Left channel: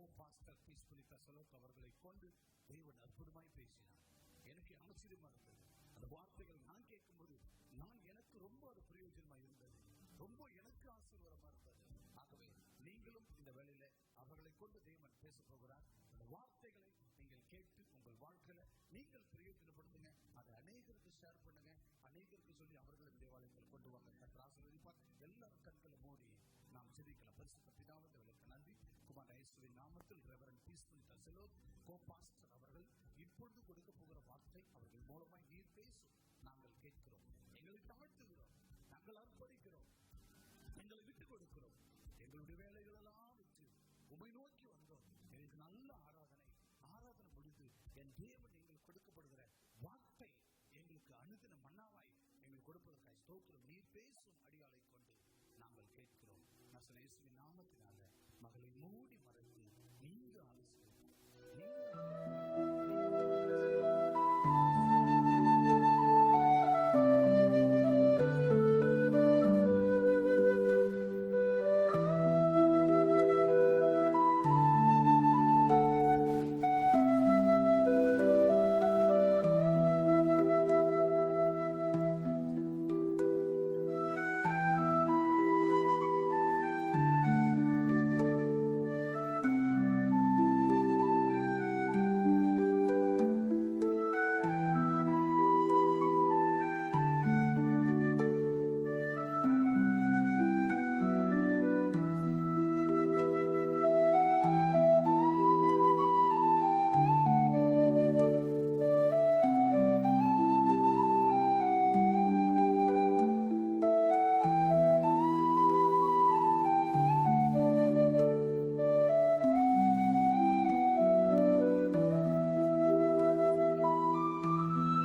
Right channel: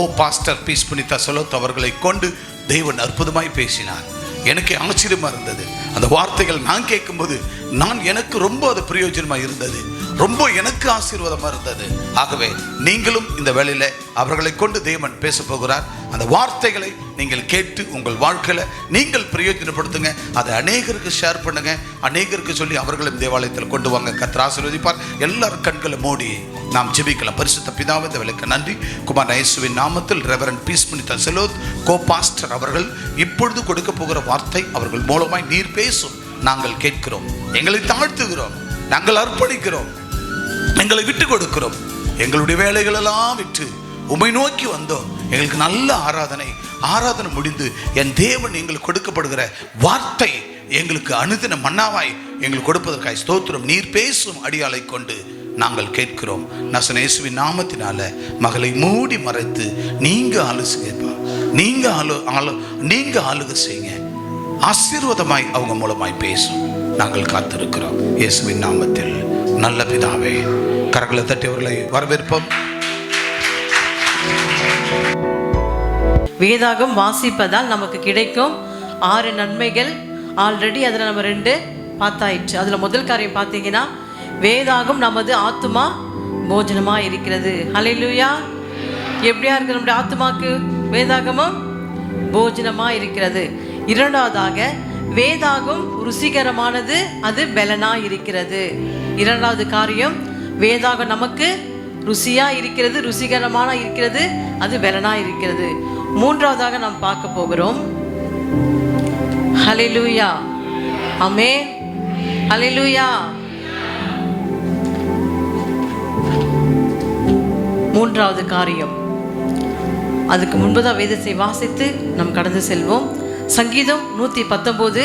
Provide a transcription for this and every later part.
Pastor piece Punitha செலோத் அவர்களை கொண்டு தேவன் அற்புதமாய் பேசினார். எனக்கு ஆச்சரியமா இருந்தது. அந்த வார்த்தைகள் நான் கேட்கும்போது எனக்கு ரொம்ப அது பிரயோஜனமாக இருந்தது, ரொம்ப எனக்கு ஆசீர்வாதமாக இருந்தது. ஆகவே நீங்களும் இந்த வேளையில் அவர்களை கொண்டு தேவன் பேச போகிறார். அந்த வார்த்தைகளை நீங்கள் கேட்டு உங்கள் வாழ்க்கையில் நீங்கள் பிரயோஜனப்படுத்துங்க. அதை அநேகருக்கு ஷேர் பண்ணுங்க, அநேகருக்கு சொல்லி அவர்களும் தேவாலயத்தில் கொண்டு வாங்க. கர்த்தர் ஆசீர்வதிப்பார். எல்லாரும் கண்களை மூடி நாம் ஜெபிக்கலாம். பரிசுத்த பிதாவே, இந்த வேளைக்கு நன்றி. குமார் இயேசுவின் நாமத்தில் ரெவரண்ட் பீஸ் புனிதா செலோத் கோ பாஸ்டர் அவர்கள் இப்பொழுது கொடுக்க போகிற வார்த்தை அவர்கள் மூலமாய் நீர் பேசும். நாங்கள் கேட்கிறோம், எங்களை தாழ்த்துகிறோம், நாங்கள் அர்ப்பணிக்கிறோம், எங்களை விட்டு கொடுக்கிறோம். எங்களுடைய வேலைகள் எல்லாம் விட்டு உம்மை நோக்கி வந்தோம். எங்களுக்கு நல்ல ஆராதனை முடிந்து என் தேவன் எங்களுக்கு கொடுக்கப்படுகிற வார்த்தை எங்களுக்கு அனுதின மன்னாவாய் எங்களுக்கு கொடுப்பதற்காக ஸ்தோத்திரம். நீர் பேசும் அடியாளை கொண்டு நாங்கள் கேட்கிறோம். நசன இயேசுவின் நாமத்தினால மகளை மூடி மறைத்து நீங்க ஆலோசிங்கப்பா, நீங்க ஆளுகை செய்யுங்க. ஆசீர்வாதமாய் அவங்க மூலமாய் பேசும். நாங்கள் காத்திருக்கிறோம் இயேசுவின் நாமத்தில். நல்ல பிதாவே, கரங்களை தட்டியவர்களை வரவேற்போம். வேதாகம் வாசிப்பதால் நமக்கு கிடைக்கும் 6 நன்மைகள். ஆல்ரெடி அதில் நம்ம 2 பார்த்தாயிடுச்சு. அதில் முதல் காரியம் பார்த்தீங்கன்னா, வேதாகம் நமது ஆத்துமா போஜனமா இருக்கிறது. ஹல்லேலூயா. எப்படியா இருக்கு நம்முடைய ஆத்துமாக்கு? வேதாகமும் போஜனமா இருக்கிறது. இரண்டாவதாக, வேதாகம் ருசிகரமானது, அது பலனா இருக்கிறது. இரண்டாவது காரியம், வேதாகம் நமக்கு ருசியா இருக்கிறது, ருசிகரமான இருக்கிறது, அது பலனா இருக்கிறது. மூன்றாவதாக நாம் பார்க்க போகிறோம். ஹல்லேலூயா, ஆமென், ஹல்லேலூயா. மூன்றாவது காரியம், அதுக்கு முன்பதாக வேதத்தை வாசித்து நாம் கடந்து செல்வோம். சங்கீதம் 119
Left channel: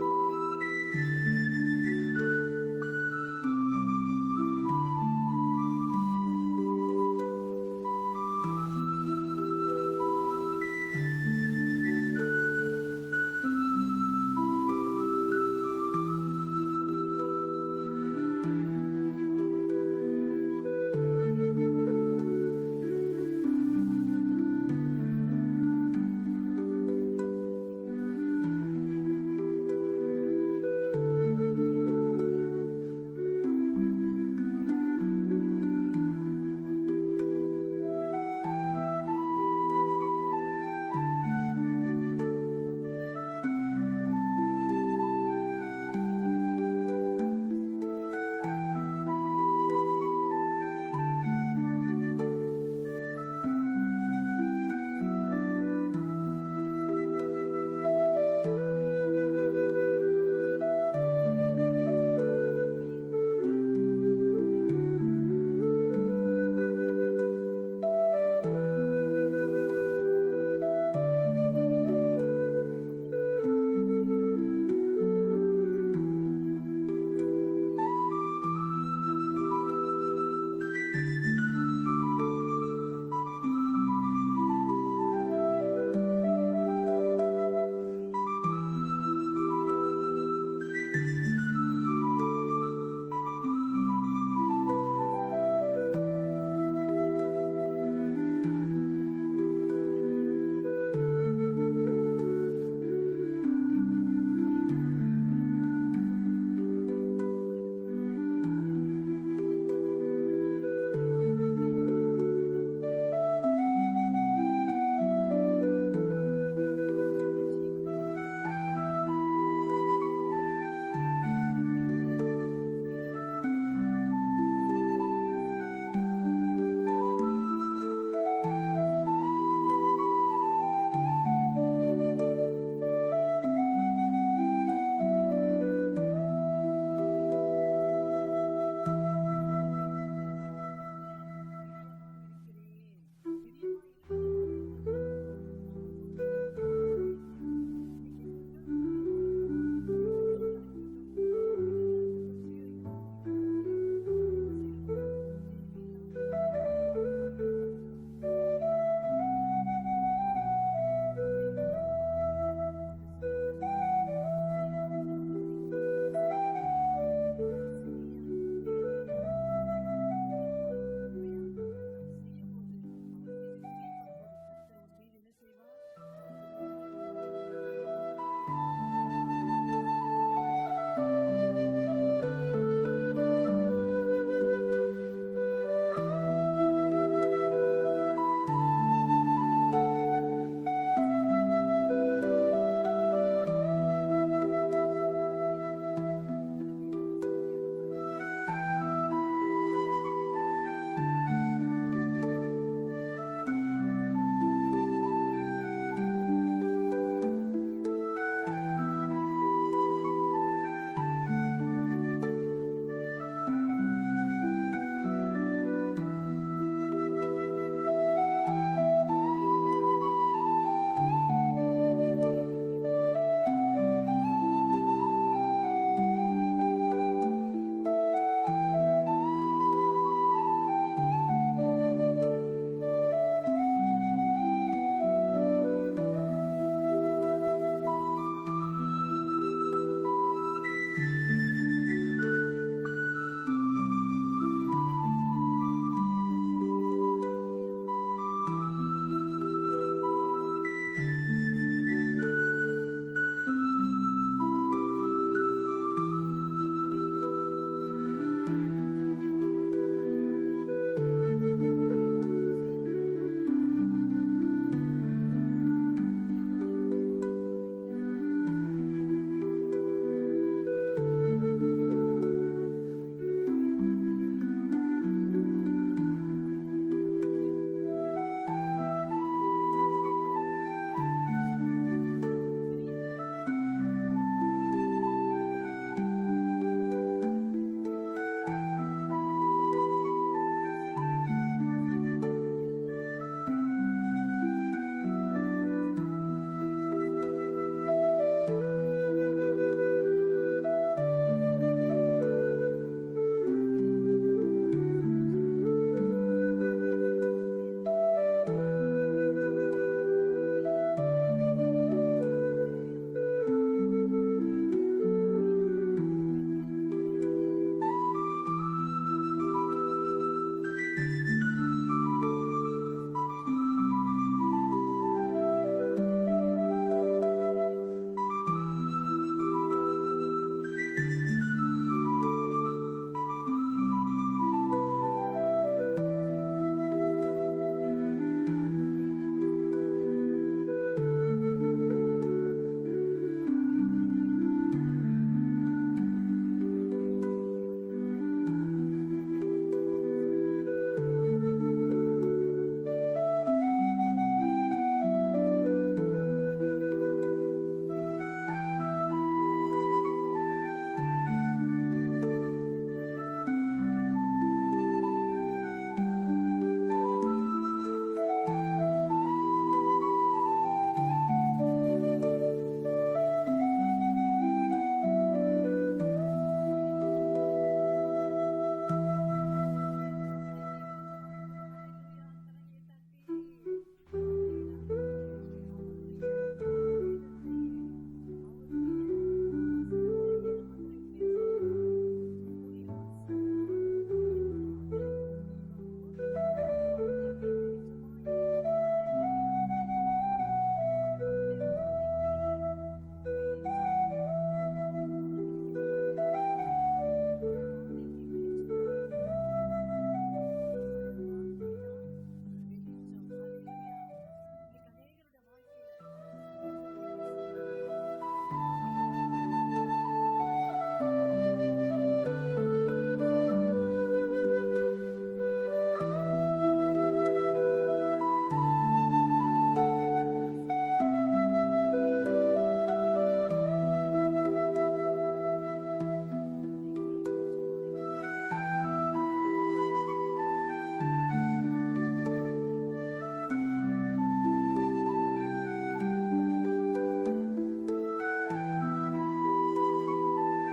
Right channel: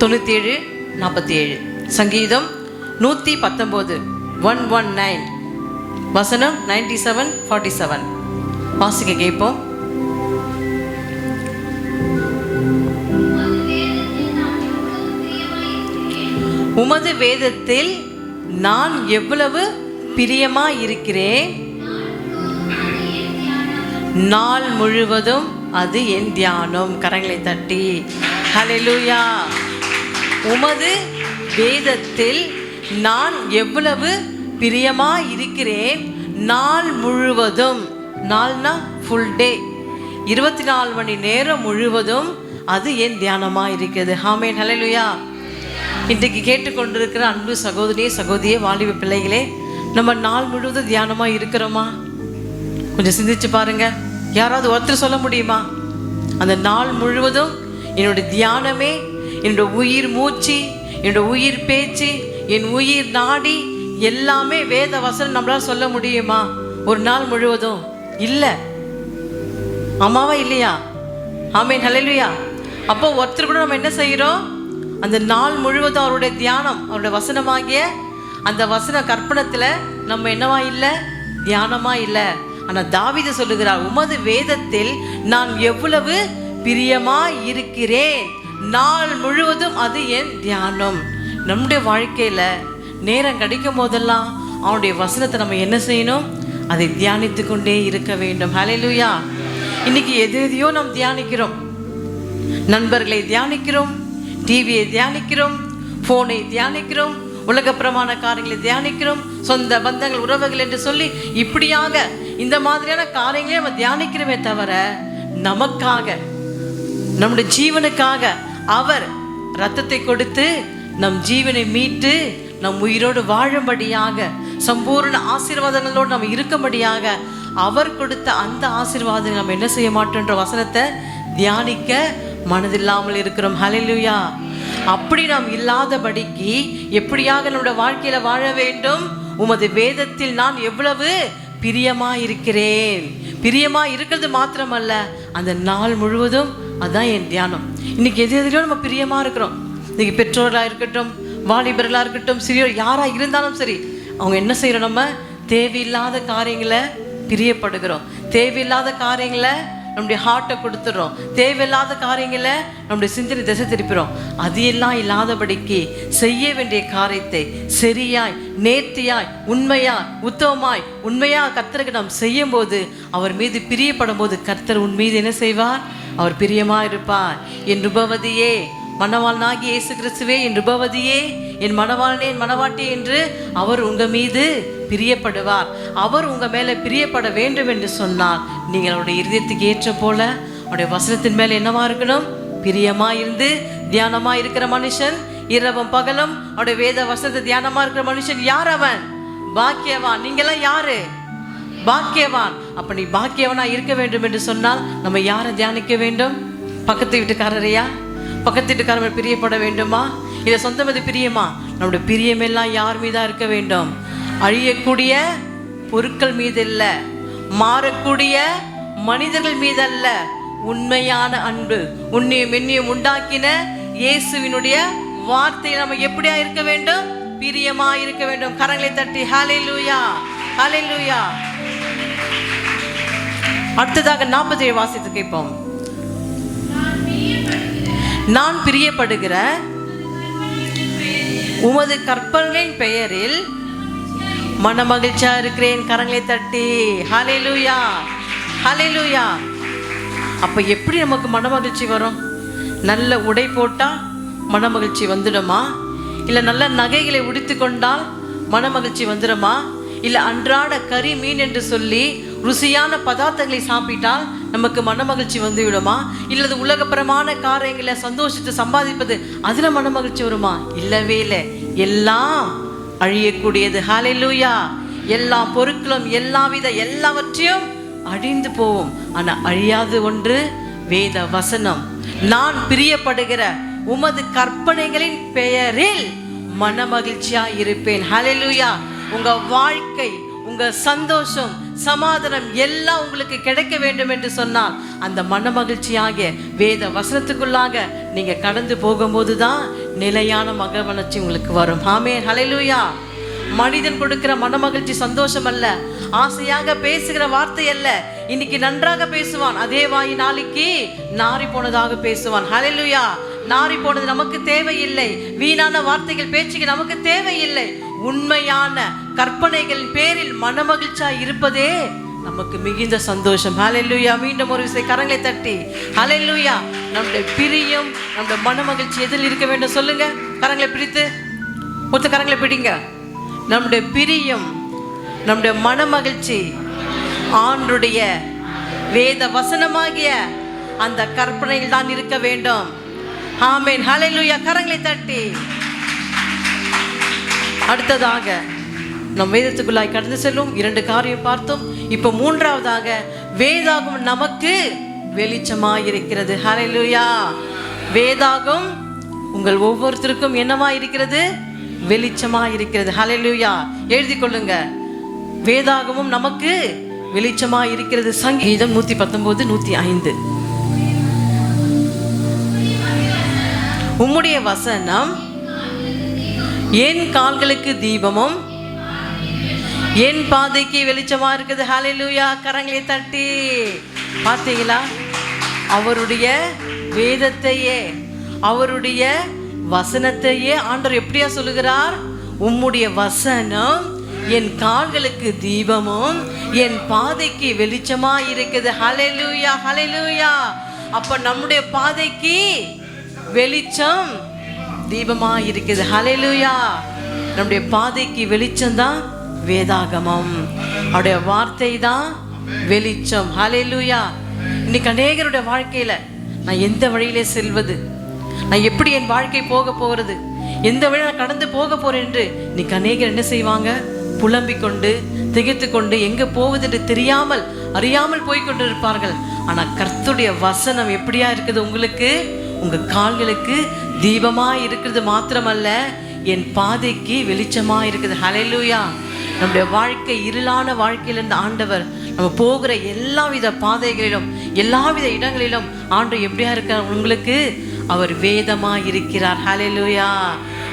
97 47. சங்கீதம் 119 119 வசனம் 97 47 வாசிக்க கேட்போம். உமது வேதத்தில் நான் எவ்வளவு பிரியமாய் இருக்கிறேன், நாள் முழுவதும் அது என் தியானம். கரங்களை தட்டி ஹல்லேலூயா. உமது வேதத்தில் நான் எவ்வளவு பிரியமாய் இருக்கிறேன், நாள் முழுவதும். நாள்னா ஃபுல் டே, 24 மணி நேரம் முழுவதும் அது என் தியானமாக இருக்கிறது. ஆமென், ஹல்லேலூயா. இன்றைக்கு கேட்டுக்கொண்டிருக்கிற அன்பு சகோதரியே, சகோதரியே, வாலிப பிள்ளைகளே, நம்ம நாள் முழுவதும் தியானமாக இருக்கிறோமா? கொஞ்சம் சிந்திச்சு பாருங்க. யாராவது ஒருத்தர் சொல்ல முடியுமா? அந்த நாள் முழுவதும் என்னோட தியானமே, என்னோட உயிர் மூச்சு, என்னோட உயிர் பேச்சு, என் உயிர் நாடி எல்லாமே வேத வசனம் நம்மளால சொல்ல முடியுமா? ஒரு நாள் முழுவதும் இல்லை. ஆமாவா இல்லையா? ஆமென், ஹல்லேலூயா. அப்போ ஒருத்தர் கூட நம்ம என்ன செய்கிறோம்? அந்த நாள் முழுவதும் அவருடைய தியானம், அவருடைய வசனமாகிய அந்த வசன கற்பனத்தில் நம்ம என்னவா இல்லை? தியானமா இல்லை. ஆனால் தாவீது சொல்லுகிறார், உமது வேதத்தில் நான் எவ்வளவு பிரியமா இருக்கிறேன், நாள் முழுவதும் அது என் தியானம். நம்முடைய வாழ்க்கையில நேரம் கிடைக்கும் போதெல்லாம் அவனுடைய வசனத்தை நம்ம என்ன செய்யணும்? அதை தியானித்து கொண்டே இருக்க வேண்டும். ஹல்லேலூயா. இன்னைக்கு எதையோ நாம் தியானிக்கிறோம். நண்பர்களை தியானிக்கிறோம், டிவியை தியானிக்கிறோம், போனை தியானிக்கிறோம், உலகப்பிரமாண காரியங்களை தியானிக்கிறோம், சொந்த பந்தங்கள் உறவுகள் என்று சொல்லி இப்படியாக இந்த மாதிரியான காரியங்களே நம்ம தியானிக்கிறோமே தவிர, நமக்காக, நம்முடைய ஜீவனுக்காக அவர் இரத்தத்தை கொடுத்து நம் ஜீவனை மீட்டு நம் உயிரோடு வாழும்படியாக, சம்பூர்ண ஆசீர்வாதங்களோடு நம்ம இருக்கும்படியாக அவர் கொடுத்த அந்த ஆசீர்வாதங்களை நம்ம என்ன செய்ய மாட்டோன்ற வசனத்தை தியானிக்க மனதில்லாமல் இருக்கிறோம். ஹல்லேலூயா. அப்படி நாம் இல்லாதபடிக்கு எப்படியாக நம்முடைய வாழ்க்கையில வாழ வேண்டும்? உமது வேதத்தில் நான் எவ்வளவு பிரியமா இருக்கிறேன். பிரியமா இருக்கிறது மாத்திரமல்ல, அந்த நாள் முழுவதும் அதான் என் தியானம். இன்னைக்கு எதிலையோ நம்ம பிரியமா இருக்கிறோம். இன்னைக்கு பெற்றோர்களா இருக்கட்டும், வாலிபர்களா இருக்கட்டும், சிறியோர் யாரா இருந்தாலும் சரி, அவங்க என்ன செய்யறோம்? நம்ம தேவையில்லாத காரியங்களை பிரியப்படுகிறோம், தேவையில்லாத காரியங்களை நம்முடைய ஹார்ட்டை கொடுத்துறோம், தேவையில்லாத காரியங்களை நம்முடைய சிந்தனை திசை திருப்பிறோம். அது எல்லாம் இல்லாதபடிக்கு செய்ய வேண்டிய காரியத்தை சரியாய், நேர்த்தியாய், உண்மையாய், உத்தமமாய், உண்மையாக கர்த்தருக்கு நாம் செய்யும் போது, அவர் மீது பிரியப்படும் போது கர்த்தர் உன் மீது என்ன செய்வார்? அவர் பிரியமா இருப்பார். என் உபவதியே, மணவாளனாகிய இயேசு கிறிஸ்துவே, என் உபவதியே, என் மணவாளனே, என் மணவாட்டியே என்று அவர் உங்க மீது பிரியப்படுவார். அவர் உங்க மேல பிரியப்பட வேண்டும் என்று சொன்னால் நீங்கள் அவருடைய இருதயத்துக்கு ஏற்ற போல அவருடைய வசனத்தின் மேல என்னவா இருக்கணும்? பிரியமா இருந்து தியானமா இருக்கிற மனுஷன் இரவும் பகலும் அவருடைய வேத வசனத்தை தியானமா இருக்கிற மனுஷன் யார்? அவன் பாக்கியவான். நீங்கெல்லாம் யாரு? பாக்கியவான். அப்ப நீ பாக்கியவனா இருக்க வேண்டும் என்று சொன்னால் நம்ம யாரை தியானிக்க வேண்டும்? பக்கத்து வீட்டுக்காரரையா? பக்கத்து வீட்டுக்காரர் பிரியப்பட வேண்டுமா? இல்ல சொந்த மீது பிரியமா? நம்முடைய பிரியமெல்லாம் யார் மீதா இருக்க வேண்டும்? அழியக்கூடிய பொருட்கள் மீது இல்ல, மாறக்கூடிய மனிதர்கள் மீது அல்ல, உண்மையான அன்பு, உன்னையும் என்னையும் உண்டாக்கின இயேசுவினுடைய வார்த்தை நம்ம எப்படியா இருக்க வேண்டும்? பிரியமா இருக்க வேண்டும். கரங்களை தட்டி ஹல்லேலூயா, ஹல்லேலூயா. அடுத்ததாக 47 வாசித்து கேட்போம். நான் பிரியப்படுகிற உமது கற்பனைகளின் பெயரில் மனமகிழ்ச்சியா இருக்கிறேன். கரங்களை தட்டி ஹல்லேலூயா, ஹல்லேலூயா. அப்ப எப்படி நமக்கு மனமகிழ்ச்சி வரும்? நல்ல உடை போட்டா மனமகிழ்ச்சி வந்துடுமா? இல்ல நல்ல நகைகளை உடுத்தி கொண்டால் மனமகிழ்ச்சி வந்துடுமா? இல்ல அன்றாட கறி மீன் என்று சொல்லி ருசியான பதார்த்தங்களை சாப்பிட்டால் நமக்கு மனமகிழ்ச்சி வந்து விடுமா? இல்லது உலகபரமான காரியங்களை சந்தோஷத்தை சம்பாதிப்பது அதுல மனமகிழ்ச்சி வருமா? இல்லவே இல்லை. எல்லாம் அழியக்கூடியது. ஹல்லேலூயா. எல்லா பொருட்களும் எல்லாவற்றையும் அழிந்து போவோம். ஆனா அழியாது ஒன்று வேத வசனம். நான் பிரியப்படுகிற உமது கற்பனைகளின் பெயரில் மனமகிழ்ச்சியா இருப்பேன். ஹல்லேலூயா. உங்க வாழ்க்கை, உங்க சந்தோஷம், சமாதானம் எல்லாம் உங்களுக்கு கிடைக்க வேண்டும் என்று சொன்னால் அந்த மனமகிழ்ச்சியாக வேத வசனத்துக்குள்ளாக நீங்க கடந்து போகும்போதுதான் நிலையான மகிழ்ச்சி உங்களுக்கு வரும். ஆமென், ஹல்லேலூயா. மனிதன் கொடுக்கிற மனமகிழ்ச்சி சந்தோஷம் அல்ல, ஆசையாக பேசுகிற வார்த்தை அல்ல. இன்னைக்கு நன்றாக பேசுவான், அதே வாய் நாளைக்கு நாரி போனதாக பேசுவான். ஹல்லேலூயா. நாரி போனது நமக்கு தேவையில்லை. வீணான வார்த்தைகள், பேச்சுக்கு நமக்கு தேவையில்லை. உண்மையான கற்பனைகளின் பேரில் மனமகிழ்ச்சியா இருப்பதே நமக்கு மிகுந்த சந்தோஷம். ஹல்லேலூயா. மீண்டும் ஒரு விசை கரங்களை தட்டி ஹல்லேலூயா. நம்முடைய பிரியம், நம்முடைய மனமகிழ்ச்சி எதில் இருக்க வேண்டும் சொல்லுங்க. கரங்களை பிடித்து ஒருத்த கரங்களை பிடிங்க. நம்முடைய பிரியம், நம்முடைய மனமகிழ்ச்சி ஆண்டுடைய வேத வசனமாகிய அந்த கற்பனையில் தான் இருக்க வேண்டும். ஆமென், ஹல்லேலூயா. கரங்களை தட்டி அடுத்ததாக நம் வேதத்துக்குள்ளாய் கடந்து செல்லும் 2 காரியம் பார்த்தோம். இப்ப 3வதாக வேதாகம் நமக்கு வெளிச்சமாய் இருக்கிறது. ஹல்லேலூயா. வேதாகம் உங்கள் ஒவ்வொருத்தருக்கும் என்னமாய் இருக்கிறது? வெளிச்சமாய் இருக்கிறது. ஹல்லேலூயா. எழுதி கொள்ளுங்க. வேதாகமும் நமக்கு வெளிச்சமாய் இருக்கிறது. சங்கீதம் 119, 105. உம்முடைய வசனம் என் கால்களுக்கு தீபமும் என் பாதைக்கு வெளிச்சமா இருக்குது. ஹல்லேலூயா. கரங்களை தட்டி பார்த்தீங்களா? அவருடைய வேதத்தையே, அவருடைய வசனத்தையே ஆண்டவர் எப்படியா சொல்லுகிறார்? உம்முடைய வசனம் என் கால்களுக்கு தீபமும் என் பாதைக்கு வெளிச்சமா இருக்குது. ஹல்லேலூயா, ஹல்லேலூயா. அப்ப நம்முடைய பாதைக்கு வெளிச்சம் தீபமா இருக்குது. ஹல்லேலூயா. நம்முடைய பாதைக்கு வெளிச்சம் தான் வேதாகமம், அவருடைய வார்த்தை தான் வெளிச்சம். ஹல்லேலூயா. இன்னைக்கு அநேகருடைய வாழ்க்கையில நான் எந்த வழியிலே செல்வது, நான் எப்படி என் வாழ்க்கை போக போகிறது, எந்த வழியை நான் கடந்து போக போறேன் என்று இன்னைக்கு அநேகர் என்ன செய்வாங்க? புலம்பிக் கொண்டு திகைத்து கொண்டு எங்க போவது என்று தெரியாமல் அறியாமல் போய்கொண்டு இருப்பார்கள். ஆனா கர்த்தருடைய வசனம் எப்படியா இருக்குது? உங்களுக்கு உங்க கால்களுக்கு தீபமா இருக்கிறது மாத்திரமல்ல, என் பாதைக்கு வெளிச்சமா இருக்குது. ஹல்லேலூயா. நம்முடைய வாழ்க்கை இருளான வாழ்க்கையிலிருந்து ஆண்டவர் நம்ம போகிற எல்லாவித பாதைகளிலும் எல்லாவித இடங்களிலும் ஆண்டவர் எப்படியா இருக்கார்? உங்களுக்கு அவர் வேதமா இருக்கிறார். ஹல்லேலூயா.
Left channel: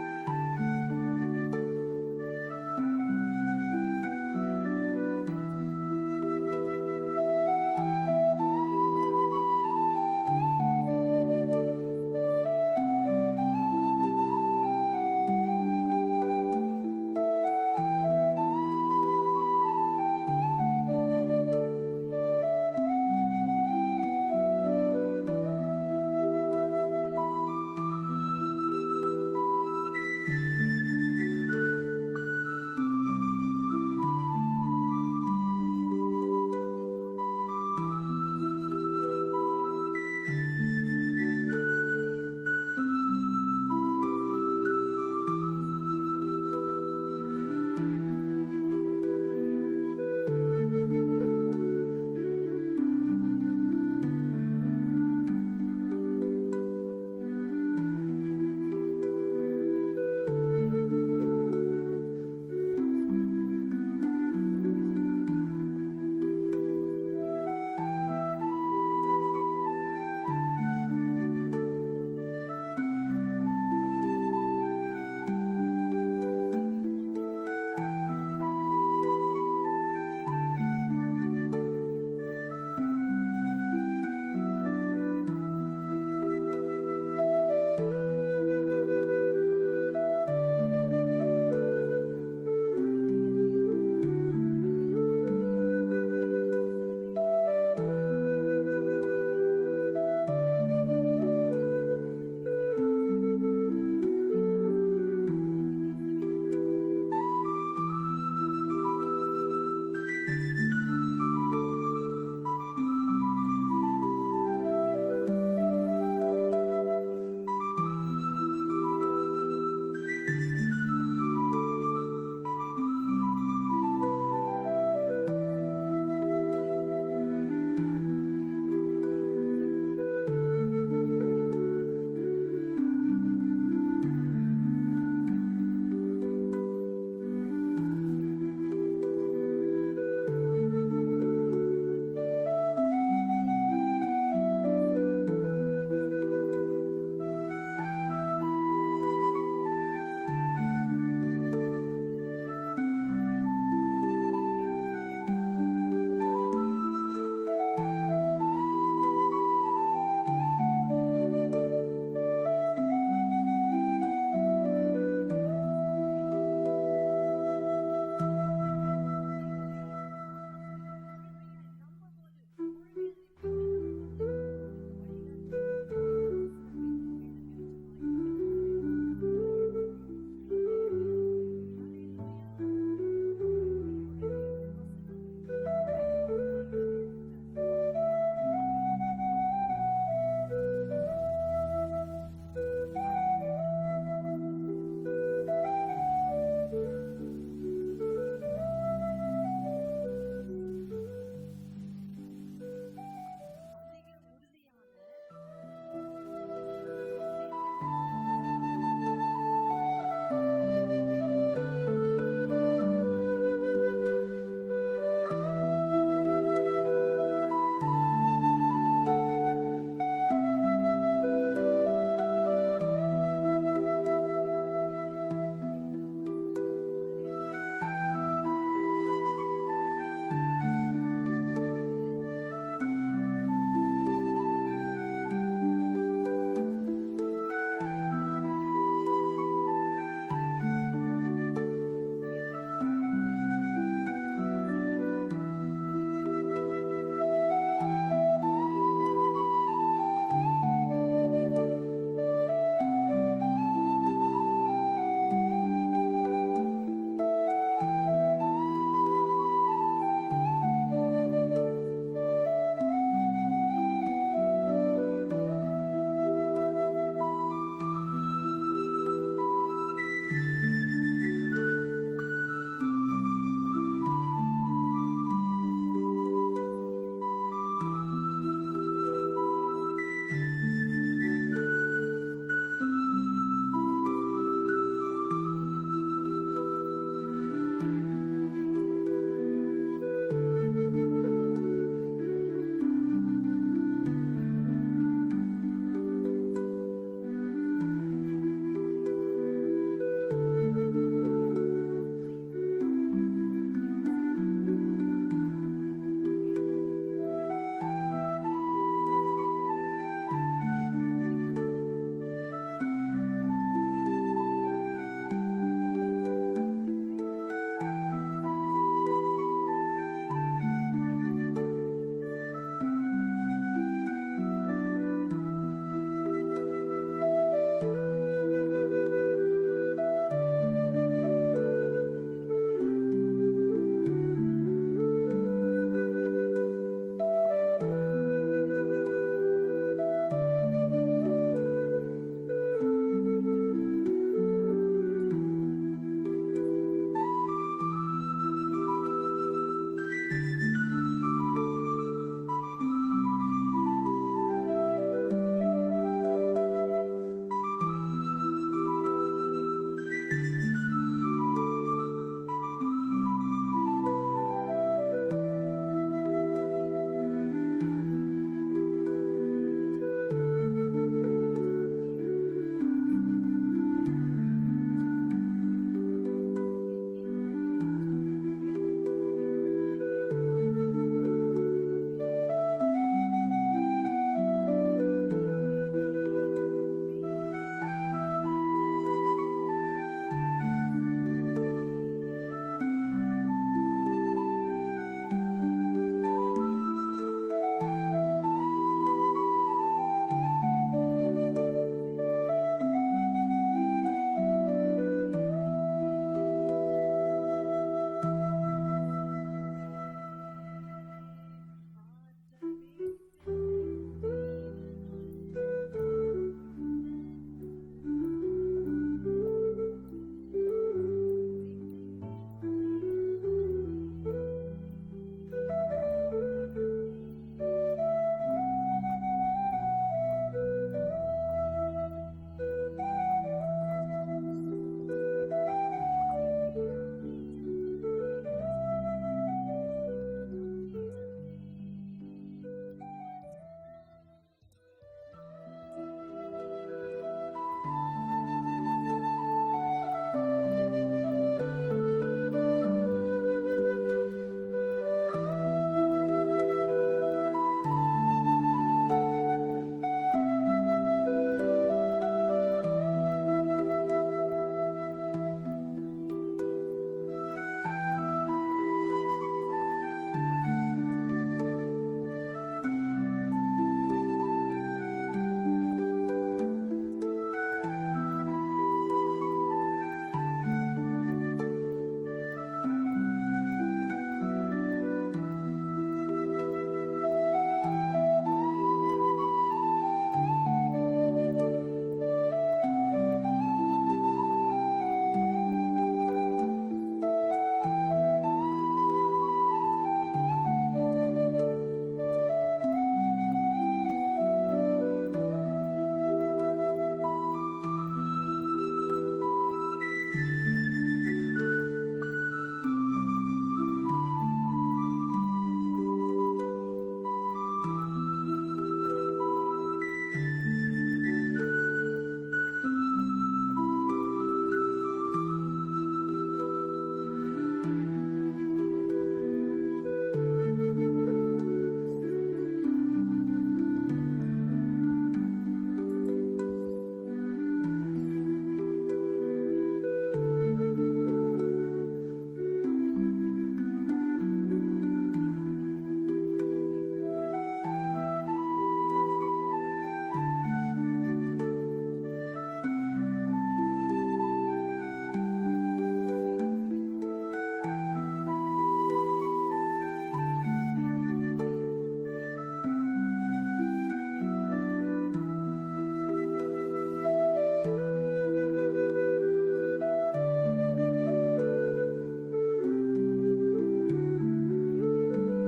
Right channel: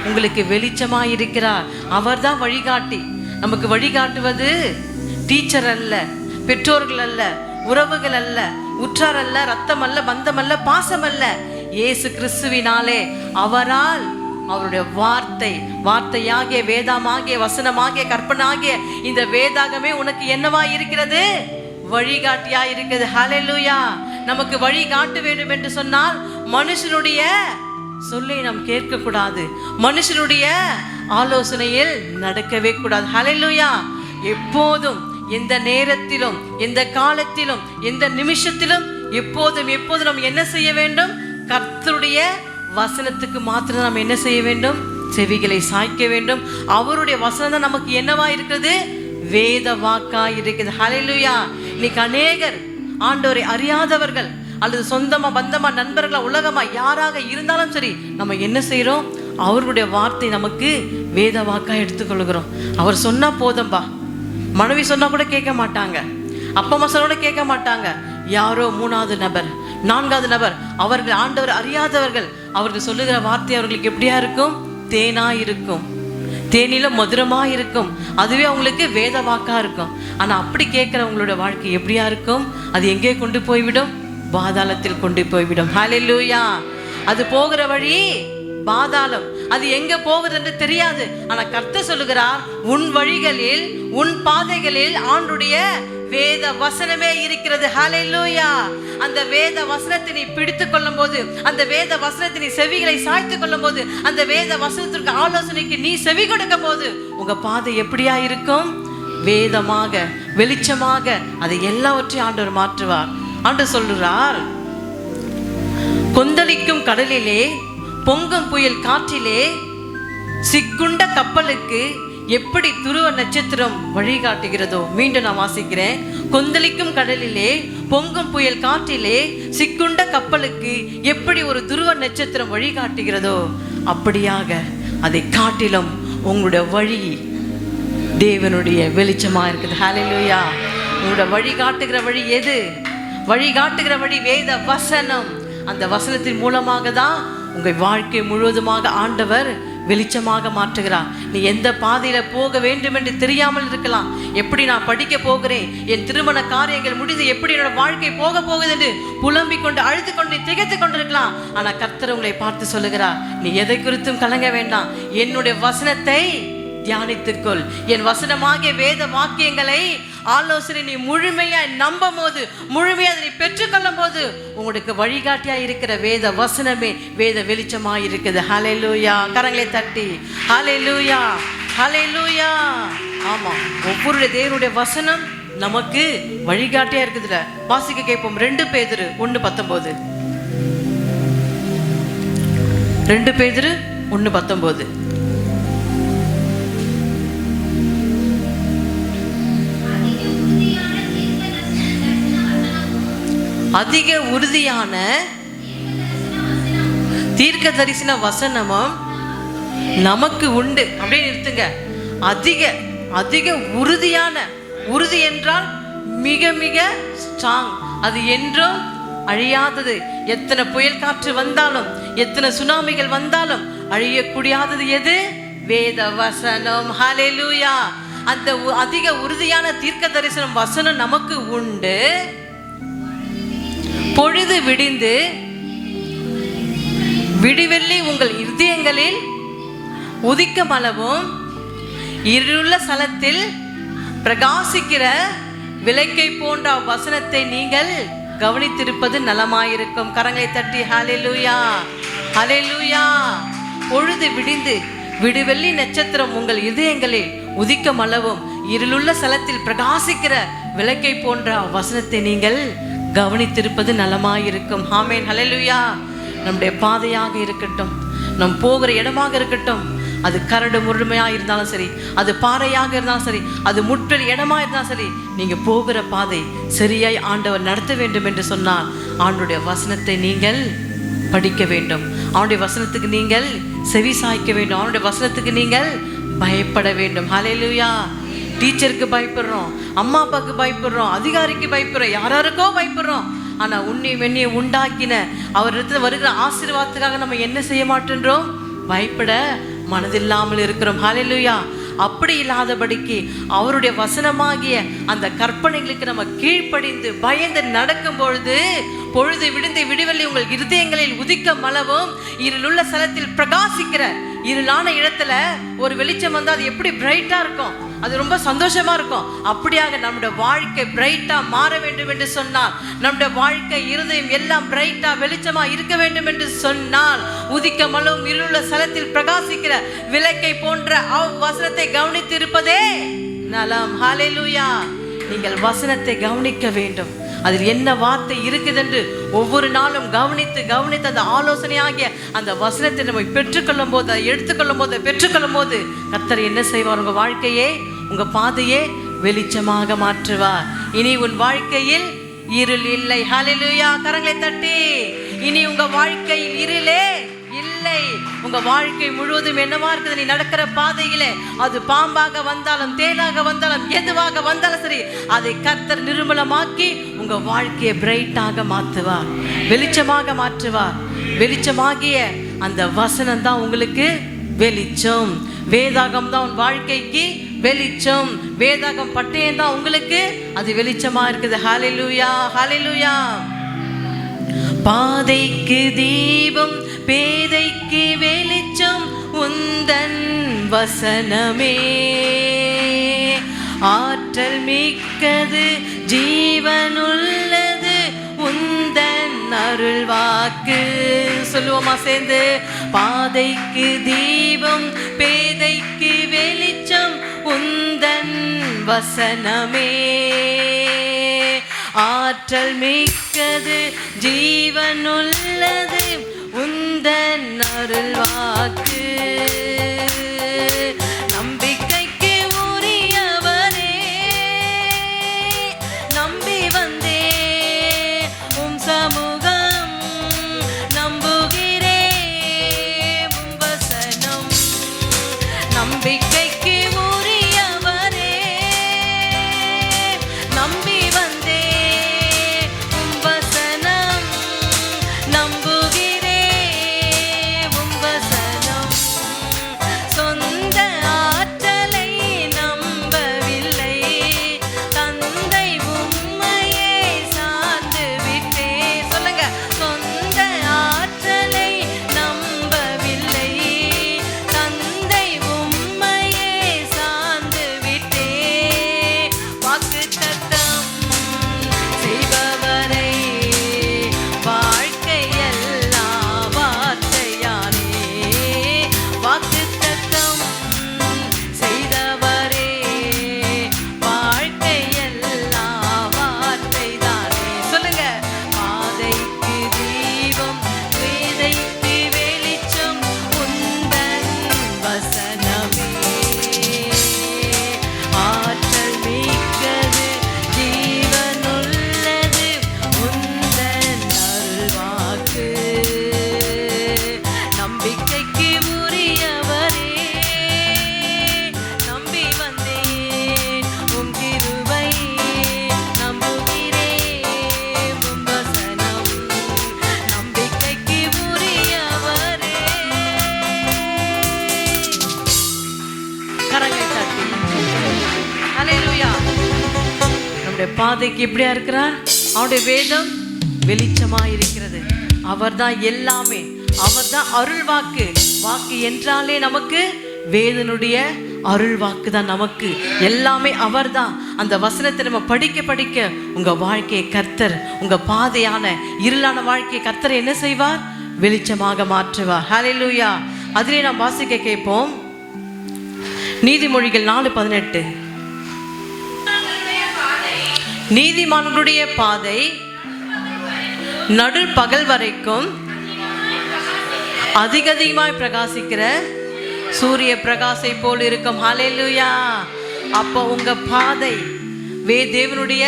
உங்களுக்கு வெளிச்சமா இருக்கிறார். அவர் தான் வழிகாட்டி. நமக்கு வழிகாட்டுவது டீச்சர் அல்ல, பெற்றோர்கள் அல்ல, உறவுகள் அல்ல, உற்றார் அல்ல, ரத்தம் அல்ல, பந்தம் அல்ல, பாசம் அல்ல. இயேசு கிறிஸ்துவினாலே, அவரால், அவருடைய வார்த்தையாகிய, வேதமாகிய, வசனமாகிய, கற்பனாகிய இந்த வேதாகமே உனக்கு என்னவா இருக்கிறது? வழிகாட்டியா இருக்கிறது. ஹல்லேலூயா. நமக்கு வழி காட்ட வேண்டும் என்று சொன்னால் மனுஷனுடைய சொல்லை நாம் கேட்க கூடாது, மனுஷனுடைய ஆலோசனையில் நடக்கவே கூடாது. ஹல்லேலூயா. எப்போதும், எந்த நேரத்திலும், எந்த காலத்திலும், எந்த நிமிஷத்திலும், எப்போதும் நாம் என்ன செய்ய வேண்டும்? கர்த்தருடைய வசனத்துக்கு மாத்திரம் நாம் என்ன செய்ய வேண்டும்? செவிகளை சாய்க்க வேண்டும். அவருடைய வசனம் தான் நமக்கு என்னவா இருக்கிறது? வேத வாக்கா இருக்குது. ஹல்லேலூயா. இன்னைக்கு அநேகர் ஆண்டவரை அறியாதவர்கள், அல்லது சொந்தமா, பந்தமா, நண்பர்களா, உலகமா, யாராக இருந்தாலும் சரி, நம்ம என்ன செய்யறோம்? அவருடைய வார்த்தை நமக்கு வேத வாக்கா எடுத்துக்கொள்கிறோம். அவர் சொன்னா போதும்பா. மனைவி சொன்னா கூட கேட்க மாட்டாங்க, அப்பா அம்மா சொன்னா கூட கேட்க மாட்டாங்க. யாரோ 3வது நபர், 4வது நபர், அவர்கள் ஆண்டவர் அறியாதவர்கள், அவர்கள் சொல்லுகிற வார்த்தை அவர்களுக்கு எப்படியா இருக்கும்? தேனா இருக்கும், தேனில மதுரமா இருக்கும். அதுவே அவங்களுக்கு வேத வாக்கா இருக்கும். ஆனா அப்படி கேட்கிறவங்களோட வாழ்க்கை எப்படியா இருக்கும்? அது எங்கே கொண்டு போய்விடும்? பாதாளத்தில் கொண்டு போய்விடும். ஹல்லேலூயா. அது போகிற வழி பாதாளம். அது எங்க போகுது என்று தெரியாது. ஆனா கர்த்தர் சொல்லுகிறார், உன் வழிகளில், உன் பாதைகளில் ஆண்டுடைய வேத வசனமே இருக்கிறது. ஹல்லேலூயா. அந்த வேத வசனத்தை நீ பிடித்துக் கொள்ளும் போது, அந்த வேத வசனத்தை நீ செவிகளை சாய்த்துக் கொள்ளும் போது, அந்த வேத வசனத்திற்கு ஆலோசனைக்கு நீ செவி கொடுக்கும் போது, உங்க பாதை எப்படியா இருக்கும்? வேதமாக, வெளிச்சமாக. அதை எல்லாவற்றையும் ஆண்டவர் மாற்றுவார். ஆண்டவர் சொல்றார், கொந்தளிக்கும் கடலிலே, பொங்கும் புயல் காற்றிலே, சிக்குண்ட கப்பலுக்கு எப்படி துருவ நட்சத்திரம் வழிகாட்டுகிறதோ. மீண்டும் நான் வாசிக்கிறேன். கொந்தளிக்கும் கடலிலே, பொங்கும் புயல் காற்றிலே, சிக்குண்ட கப்பலுக்கு எப்படி ஒரு துருவ நட்சத்திரம் வழிகாட்டுகிறதோ, அப்படியாக அதை காட்டிலும் உங்களுடைய வழி தேவனுடைய வெளிச்சமா இருக்குது. ஹல்லேலூயா. உங்களுடைய வழிகாட்டுகிற வழி எது? வழிகாட்டுகிற வழி வேத வசனம். அந்த வசனத்தின் மூலமாக தான் உங்கள் வாழ்க்கை முழுவதுமாக ஆண்டவர் வெளிச்சமாக மாற்றுகிறார். நீ எந்த பாதையில போக வேண்டும் என்று தெரியாமல் இருக்கலாம். எப்படி நான் படிக்க போகிறேன், என் திருமண காரியங்கள் முடிந்து எப்படி என்னோட வாழ்க்கை போக போகுது என்று புலம்பிக் கொண்டு, அழுது கொண்டு, திகைத்து கொண்டிருக்கலாம். ஆனா கர்த்தர் உங்களை பார்த்து சொல்லுகிறார், நீ எதை குறித்தும் கலங்க வேண்டாம். என்னுடைய வசனத்தை தியானித்துக்கொள். என் வசனமாகிய வேத வாக்கியங்களை, ஆலோசனை நீ முழுமையாய் நம்பும் போது, முழுமையாக நீ பெற்றுக்கொள்ளும் போது, உங்களுக்கு வழிகாட்டியா இருக்கிற வேத வசனமே வேத வெளிச்சமா இருக்குது. ஹல்லேலூயா. கரங்களை தட்டி ஹல்லேலூயா, ஹல்லேலூயா. ஆமா, ஒவ்வொரு தேவனுடைய வசனம் நமக்கு வழிகாட்டியா இருக்குதுல. வாசிக்க கேட்போம். 2 பேதுரு 1:19. 2 பேதுரு 1:19. அதிக உறுதியான தீர்க்க தரிசன வசனமும் நமக்கு உண்டு. அப்படியே நிறுத்துங்க. அதிக உறுதியான, உறுதி என்றால் மிக மிக ஸ்ட்ராங். அது என்றும் அழியாதது. எத்தனை புயல் காற்று வந்தாலும், எத்தனை சுனாமிகள் வந்தாலும் அழியக்கூடியாதது எது? வேத வசனம். ஹல்லேலூயா. அந்த அதிக உறுதியான தீர்க்க தரிசனம் வசனம் நமக்கு உண்டு. பொழுது விடிந்து விடிவெள்ளி உங்கள் இதயங்களில் உதிக்கமளவும் இருளுள்ள ஸ்தலத்தில் பிரகாசிக்கிற விளக்கை போன்ற வசனத்தை நீங்கள் கவனித்திருப்பது நலமாயிருக்கும். கரங்களை தட்டி ஹல்லேலூயா, ஹல்லேலூயா. பொழுது விடிந்து விடிவெள்ளி நட்சத்திரம் உங்கள் இதயங்களில் உதிக்கமளவும் இருளுள்ள ஸ்தலத்தில் பிரகாசிக்கிற விளக்கை போன்ற வசனத்தை நீங்கள் கவனித்திருப்பது நலமாயிருக்கும். ஆமென். ஹல்லேலூயா. நம்முடைய பாதையாக இருக்கட்டும், நம் போகிற இடமாக இருக்கட்டும், அது கரடு முழுமையா இருந்தாலும் சரி, அது பாறையாக இருந்தாலும் சரி, அது முற்றல் இடமா இருந்தாலும் சரி, நீங்க போகிற பாதை சரியாய் ஆண்டவர் நடத்த வேண்டும் என்று சொன்னால் ஆண்டவருடைய வசனத்தை நீங்கள் படிக்க வேண்டும். அவனுடைய வசனத்துக்கு நீங்கள் செவி சாய்க்க வேண்டும். அவனுடைய வசனத்துக்கு நீங்கள் பயப்பட வேண்டும். ஹல்லேலூயா. டீச்சருக்கு பயப்படுறோம், அம்மா அப்பாவுக்கு பயப்படுறோம், அதிகாரிக்கு பயப்படுறோம், யாராருக்கோ பயப்படுறோம். ஆனா உன்னை வெண்ணியை உண்டாக்கின அவரிடத்துல வருகிற ஆசீர்வாதத்துக்காக நம்ம என்ன செய்ய மாட்டேன்றோம்? பயப்பட மனதில்லாமல் இருக்கிறோம். ஹல்லேலூயா. அப்படி இல்லாதபடிக்கு அவருடைய வசனமாகிய அந்த கற்பனைகளுக்கு நம்ம கீழ்ப்படிந்து பயந்து நடக்கும் பொழுது பொழுது விடுந்து விடுவெள்ளி உங்கள் இருதயங்களில் உதிக்க மலவும் இருளுள்ள ஸ்தலத்தில் பிரகாசிக்கிற இருளான இடத்துல ஒரு வெளிச்சம் வந்து அது எப்படி பிரைட்டா இருக்கும், அது ரொம்ப சந்தோஷமா இருக்கும். அப்படியாக நம்முடைய வாழ்க்கை பிரைட்டா மாற வேண்டும் என்று சொன்னால், நம்முடைய வாழ்க்கை இருதயம் எல்லாம் பிரைட்டா வெளிச்சமா இருக்க வேண்டும் என்று சொன்னால், உதிக்க மலவும் இருளுள்ள ஸ்தலத்தில் பிரகாசிக்கிற விளக்கை போன்ற வசனத்தை கவனித்து இருப்பதே நலம். ஹல்லேலூயா. நீங்கள் வசனத்தை கவனிக்க வேண்டும். அதில் என்ன வார்த்தை இருக்குது என்று ஒவ்வொரு நாளும் கவனித்து கவனித்து அந்த ஆலோசனையாகிய அந்த வசனத்தை நம்ம பெற்றுக்கொள்ளும் போது, அதை எடுத்துக்கொள்ளும் போது, பெற்றுக்கொள்ளும் போது கர்த்தர் என்ன செய்வார்? உங்க வாழ்க்கையே உங்க பாதையே வெளிச்சமாக மாற்றுவார். இனி உன் வாழ்க்கையில் இருள் இல்லை. ஹல்லேலூயா. கரங்களை தட்டி. இனி உங்க வாழ்க்கையில் இருளே இல்லை. உங்க வாழ்க்கை முழுவதும் என்னவா இருக்குது? நீ நடக்கிற பாதையிலே அது பாம்பாக வந்தாலும் தேனாக வந்தாலும் எதுவாக வந்தாலும் சரி, அதை கர்த்தர் நிர்மலமாக்கி உங்க வாழ்க்கையை பிரைட்டாக மாற்றுவார், வெளிச்சமாக மாற்றுவார். வெளிச்சமாகிய அந்த வசனம் தான் உங்களுக்கு வெளிச்சம். வேதாகம் தான் உன் வாழ்க்கைக்கு வெளிச்சம். வேதாகம் பட்டயம் தான் உங்களுக்கு அது வெளிச்சமா இருக்குது. ஹல்லேலூயா. ஹல்லேலூயா. பாதைக்கு தீபம் பேதைக்கு வெளிச்சம் உந்தன் வசனமே. ஆற்றல் மிக்கது ஜீவனுள்ளது உந்தன் அருள் வாக்கு. சொல்லுவோமா சேர்ந்து? பாதைக்கு தீபம் பேதைக்கு வெளிச்சம் உந்தன் வசனமே. ஆற்றல் மிக்கது ஜீவனுள்ளது உந்தன் அருள் வாக்கு. நம்பிக்கைக்கு உரியவரே நம்பி வந்தே உம் சமூகம் நம்புகிறே உம் வசனம். நம்பிக்கைக்கு உரியவரே நம்பி வந்தே உம் வசனம் நம்புகிறே உம் வசனம். சொந்த ஆற்றலை நம்பவில்லை தந்தை உம்மையே சார்ந்து விட்டே. சொல்லுங்க. சொந்த ஆற்றலை நம்பவில்லை தந்தை உம்மையே சார்ந்து விட்டே. வாக்குத்தத்தம் செய்பவரை வாழ்க்கையெல்லாம் வார்த்தையாலே. வாக்குத்தத்தம் செய்தவரே வாழ்க்கையெல்லாம் வார்த்தைதானே. சொல்லுங்க. பாதைக்கு தீபம் பேதைக்கு வெளிச்சம் உந்தன் வசனமே. ஆற்றல் மிக்கது ஜீவனுள்ளது உந்தன் அருள்வாக்கு. நம்பிக்கைக்கு உரியவரே நம்பி வந்தேன் உம் கிருபை நம்புகிறேன் உம் வசனம். நம்பிக்கைக்கு உரியவரே. கரங்களை தட்டி. ஹல்லேலூயா. நம்முடைய பாதைக்கு எப்படியா இருக்கிறார்? அவருடைய வேதம் வெளிச்சமா இருக்கிறது. அவர்தான் எல்லாமே. அவர்தான் அருள் வாக்கு. வாக்கு என்றாலே நமக்கு வேதனுடைய அருள் வாக்கு தான். நமக்கு எல்லாமே அவர்தான். அந்த வசனத்தை நம்ம படிக்க படிக்க உங்க வாழ்க்கையை கர்த்தர், உங்க பாதையான இருளான வாழ்க்கையை கர்த்தர் என்ன செய்வார்? வெளிச்சமாக மாற்றுவார். ஹல்லேலூயா. அதிலே நாம் வாசிக்க கேட்போம். நீதிமொழிகள் 4:18. நீதிமான்களுடைய பாதை நடு பகல் வரைக்கும் அதிகமாய் பிரகாசிக்கிற சூரிய பிரகாசை போல் இருக்கும். ஹல்லேலூயா. அப்போ உங்க பாதை தேவனுடைய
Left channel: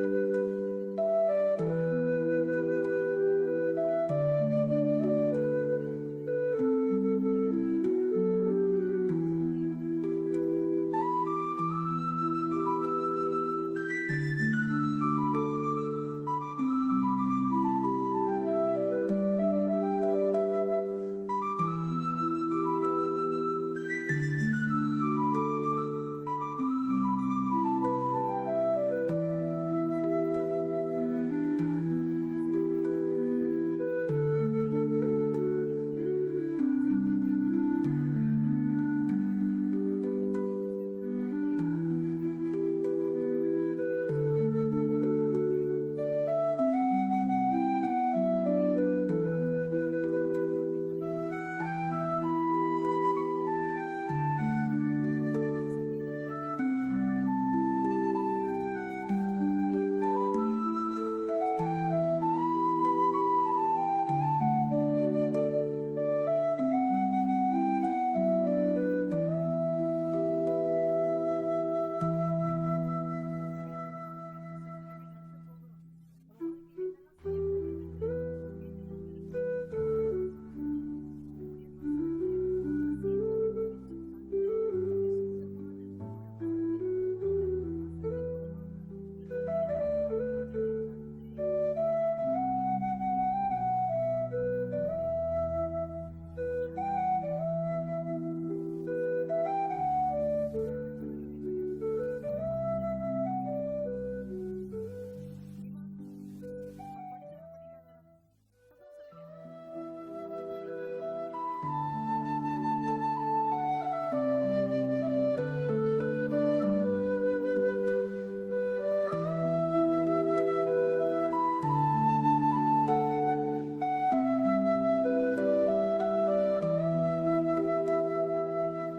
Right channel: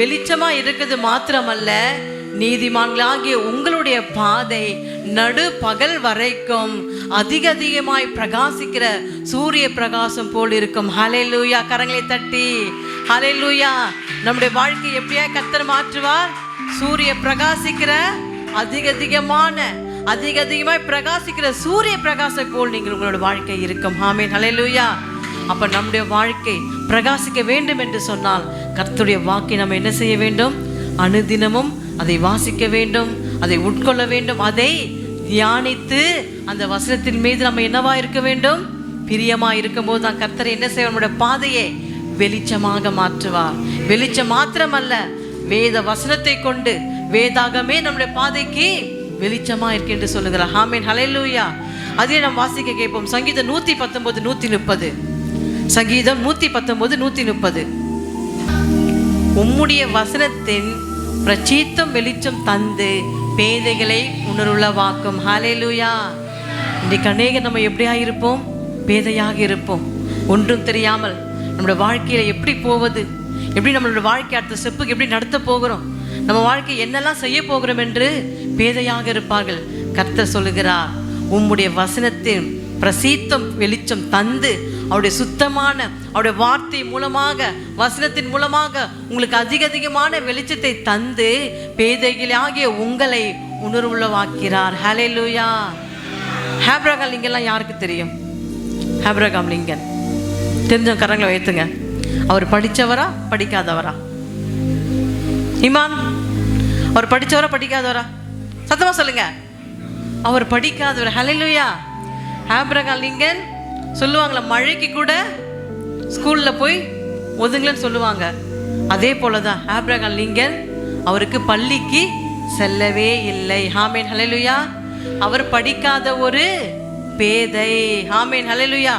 வெளிச்சமா இருக்குது மாத்திரமல்ல, நீதிமான்களாகிய உங்களுடைய பாதை நடு பகல் வரைக்கும் அதிகமாய் பிரகாசிக்கிற சூரிய பிரகாசம் போல் இருக்கும். ஹல்லேலூயா. கரங்களை தட்டி. ஹல்லேலூயா. நம்முடைய வாழ்க்கை எப்படியா கர்த்தர் மாற்றுவார்? சூரிய பிரகாசிக்கிற அதிகமாய் பிரகாசிக்கிற சூரிய பிரகாசம் போல் நீங்கள் உங்களோட வாழ்க்கை இருக்கும். ஆமென். ஹல்லேலூயா. அப்ப நம்முடைய வாழ்க்கை பிரகாசிக்க வேண்டும் என்று சொன்னால் கர்த்தருடைய வாக்கை நம்ம என்ன செய்ய வேண்டும்? அனுதினமும் அதை வாசிக்க வேண்டும், அதை உட்கொள்ள வேண்டும், அதை தியானித்து அந்த வசனத்தின் மீது நம்ம என்னவா இருக்க வேண்டும்? பிரியமா இருக்கும் போது தான் கர்த்தர் என்ன செய்வார்? நம்முடைய பாதையை வெளிச்சமாக மாற்றுவார். வெளிச்சம் மாத்திரமல்ல, வேத வசனத்தை கொண்டு வேதாகமே நம்முடைய பாதைக்கு வெளிச்சமா இருக்கு என்று சொல்லுகிறார். ஆமென், ஹல்லேலூயா. அதே நாம் வாசிக்க கேட்போம். சங்கீதம் 119 130. சங்கீதம் 119 130. உம்முடைய வசனத்தின் பிரச்சீத்தம் வெளிச்சம் தந்து பேதைகளை உணர்வுள்ளவாக்கும். ஹல்லேலூயா. இன்றைக்கு அநேக நம்ம எப்படியா இருப்போம்? பேதையாக இருப்போம். ஒன்றும் தெரியாமல் நம்மளோட வாழ்க்கையில எப்படி போவது, எப்படி நம்மளோட வாழ்க்கை அடுத்த ஸ்டெப்புக்கு எப்படி நடத்த போகிறோம், நம்ம வாழ்க்கை என்னெல்லாம் செய்ய போகிறோம் என்று பேதையாக இருப்பார்கள். கர்த்தர் சொல்லுகிறார், உம்முடைய வசனத்தின் பிரசீத்தம் வெளிச்சம் தந்து அவருடைய சுத்தமான அவருடைய வார்த்தை மூலமாக வசனத்தின் மூலமாக உங்களுக்கு அதிகமான வெளிச்சத்தை தந்து பேதைகளாகிய உங்களை உணர்வுள்ளவாக்கிறார். ஹல்லேலூயா. ஆபிரகாம் லிங்கன் யாருக்கு தெரியும்? ஆபிரகாம் லிங்கன் தெரிஞ்ச கரங்களை வைத்துங்க. அவர் படித்தவரா படிக்காதவரா? இமான், அவர் படித்தவரா படிக்காதவரா? சத்தமா சொல்லுங்க. அவர் படிக்காதவர். ஹல்லேலூயா. ஆபிரகாம் லிங்கன் சொல்லுவாங்களா, மழைக்கு கூட ஸ்கூல்ல போய் ஒதுங்கலன்னு சொல்லுவாங்க. அதே போலதான் ஆபிரகாம் லிங்கன் அவருக்கு பள்ளிக்கு செல்லவே இல்லை. ஆமென், ஹல்லேலூயா. அவர் படிக்காத ஒரு பேதை. ஆமென், ஹல்லேலூயா.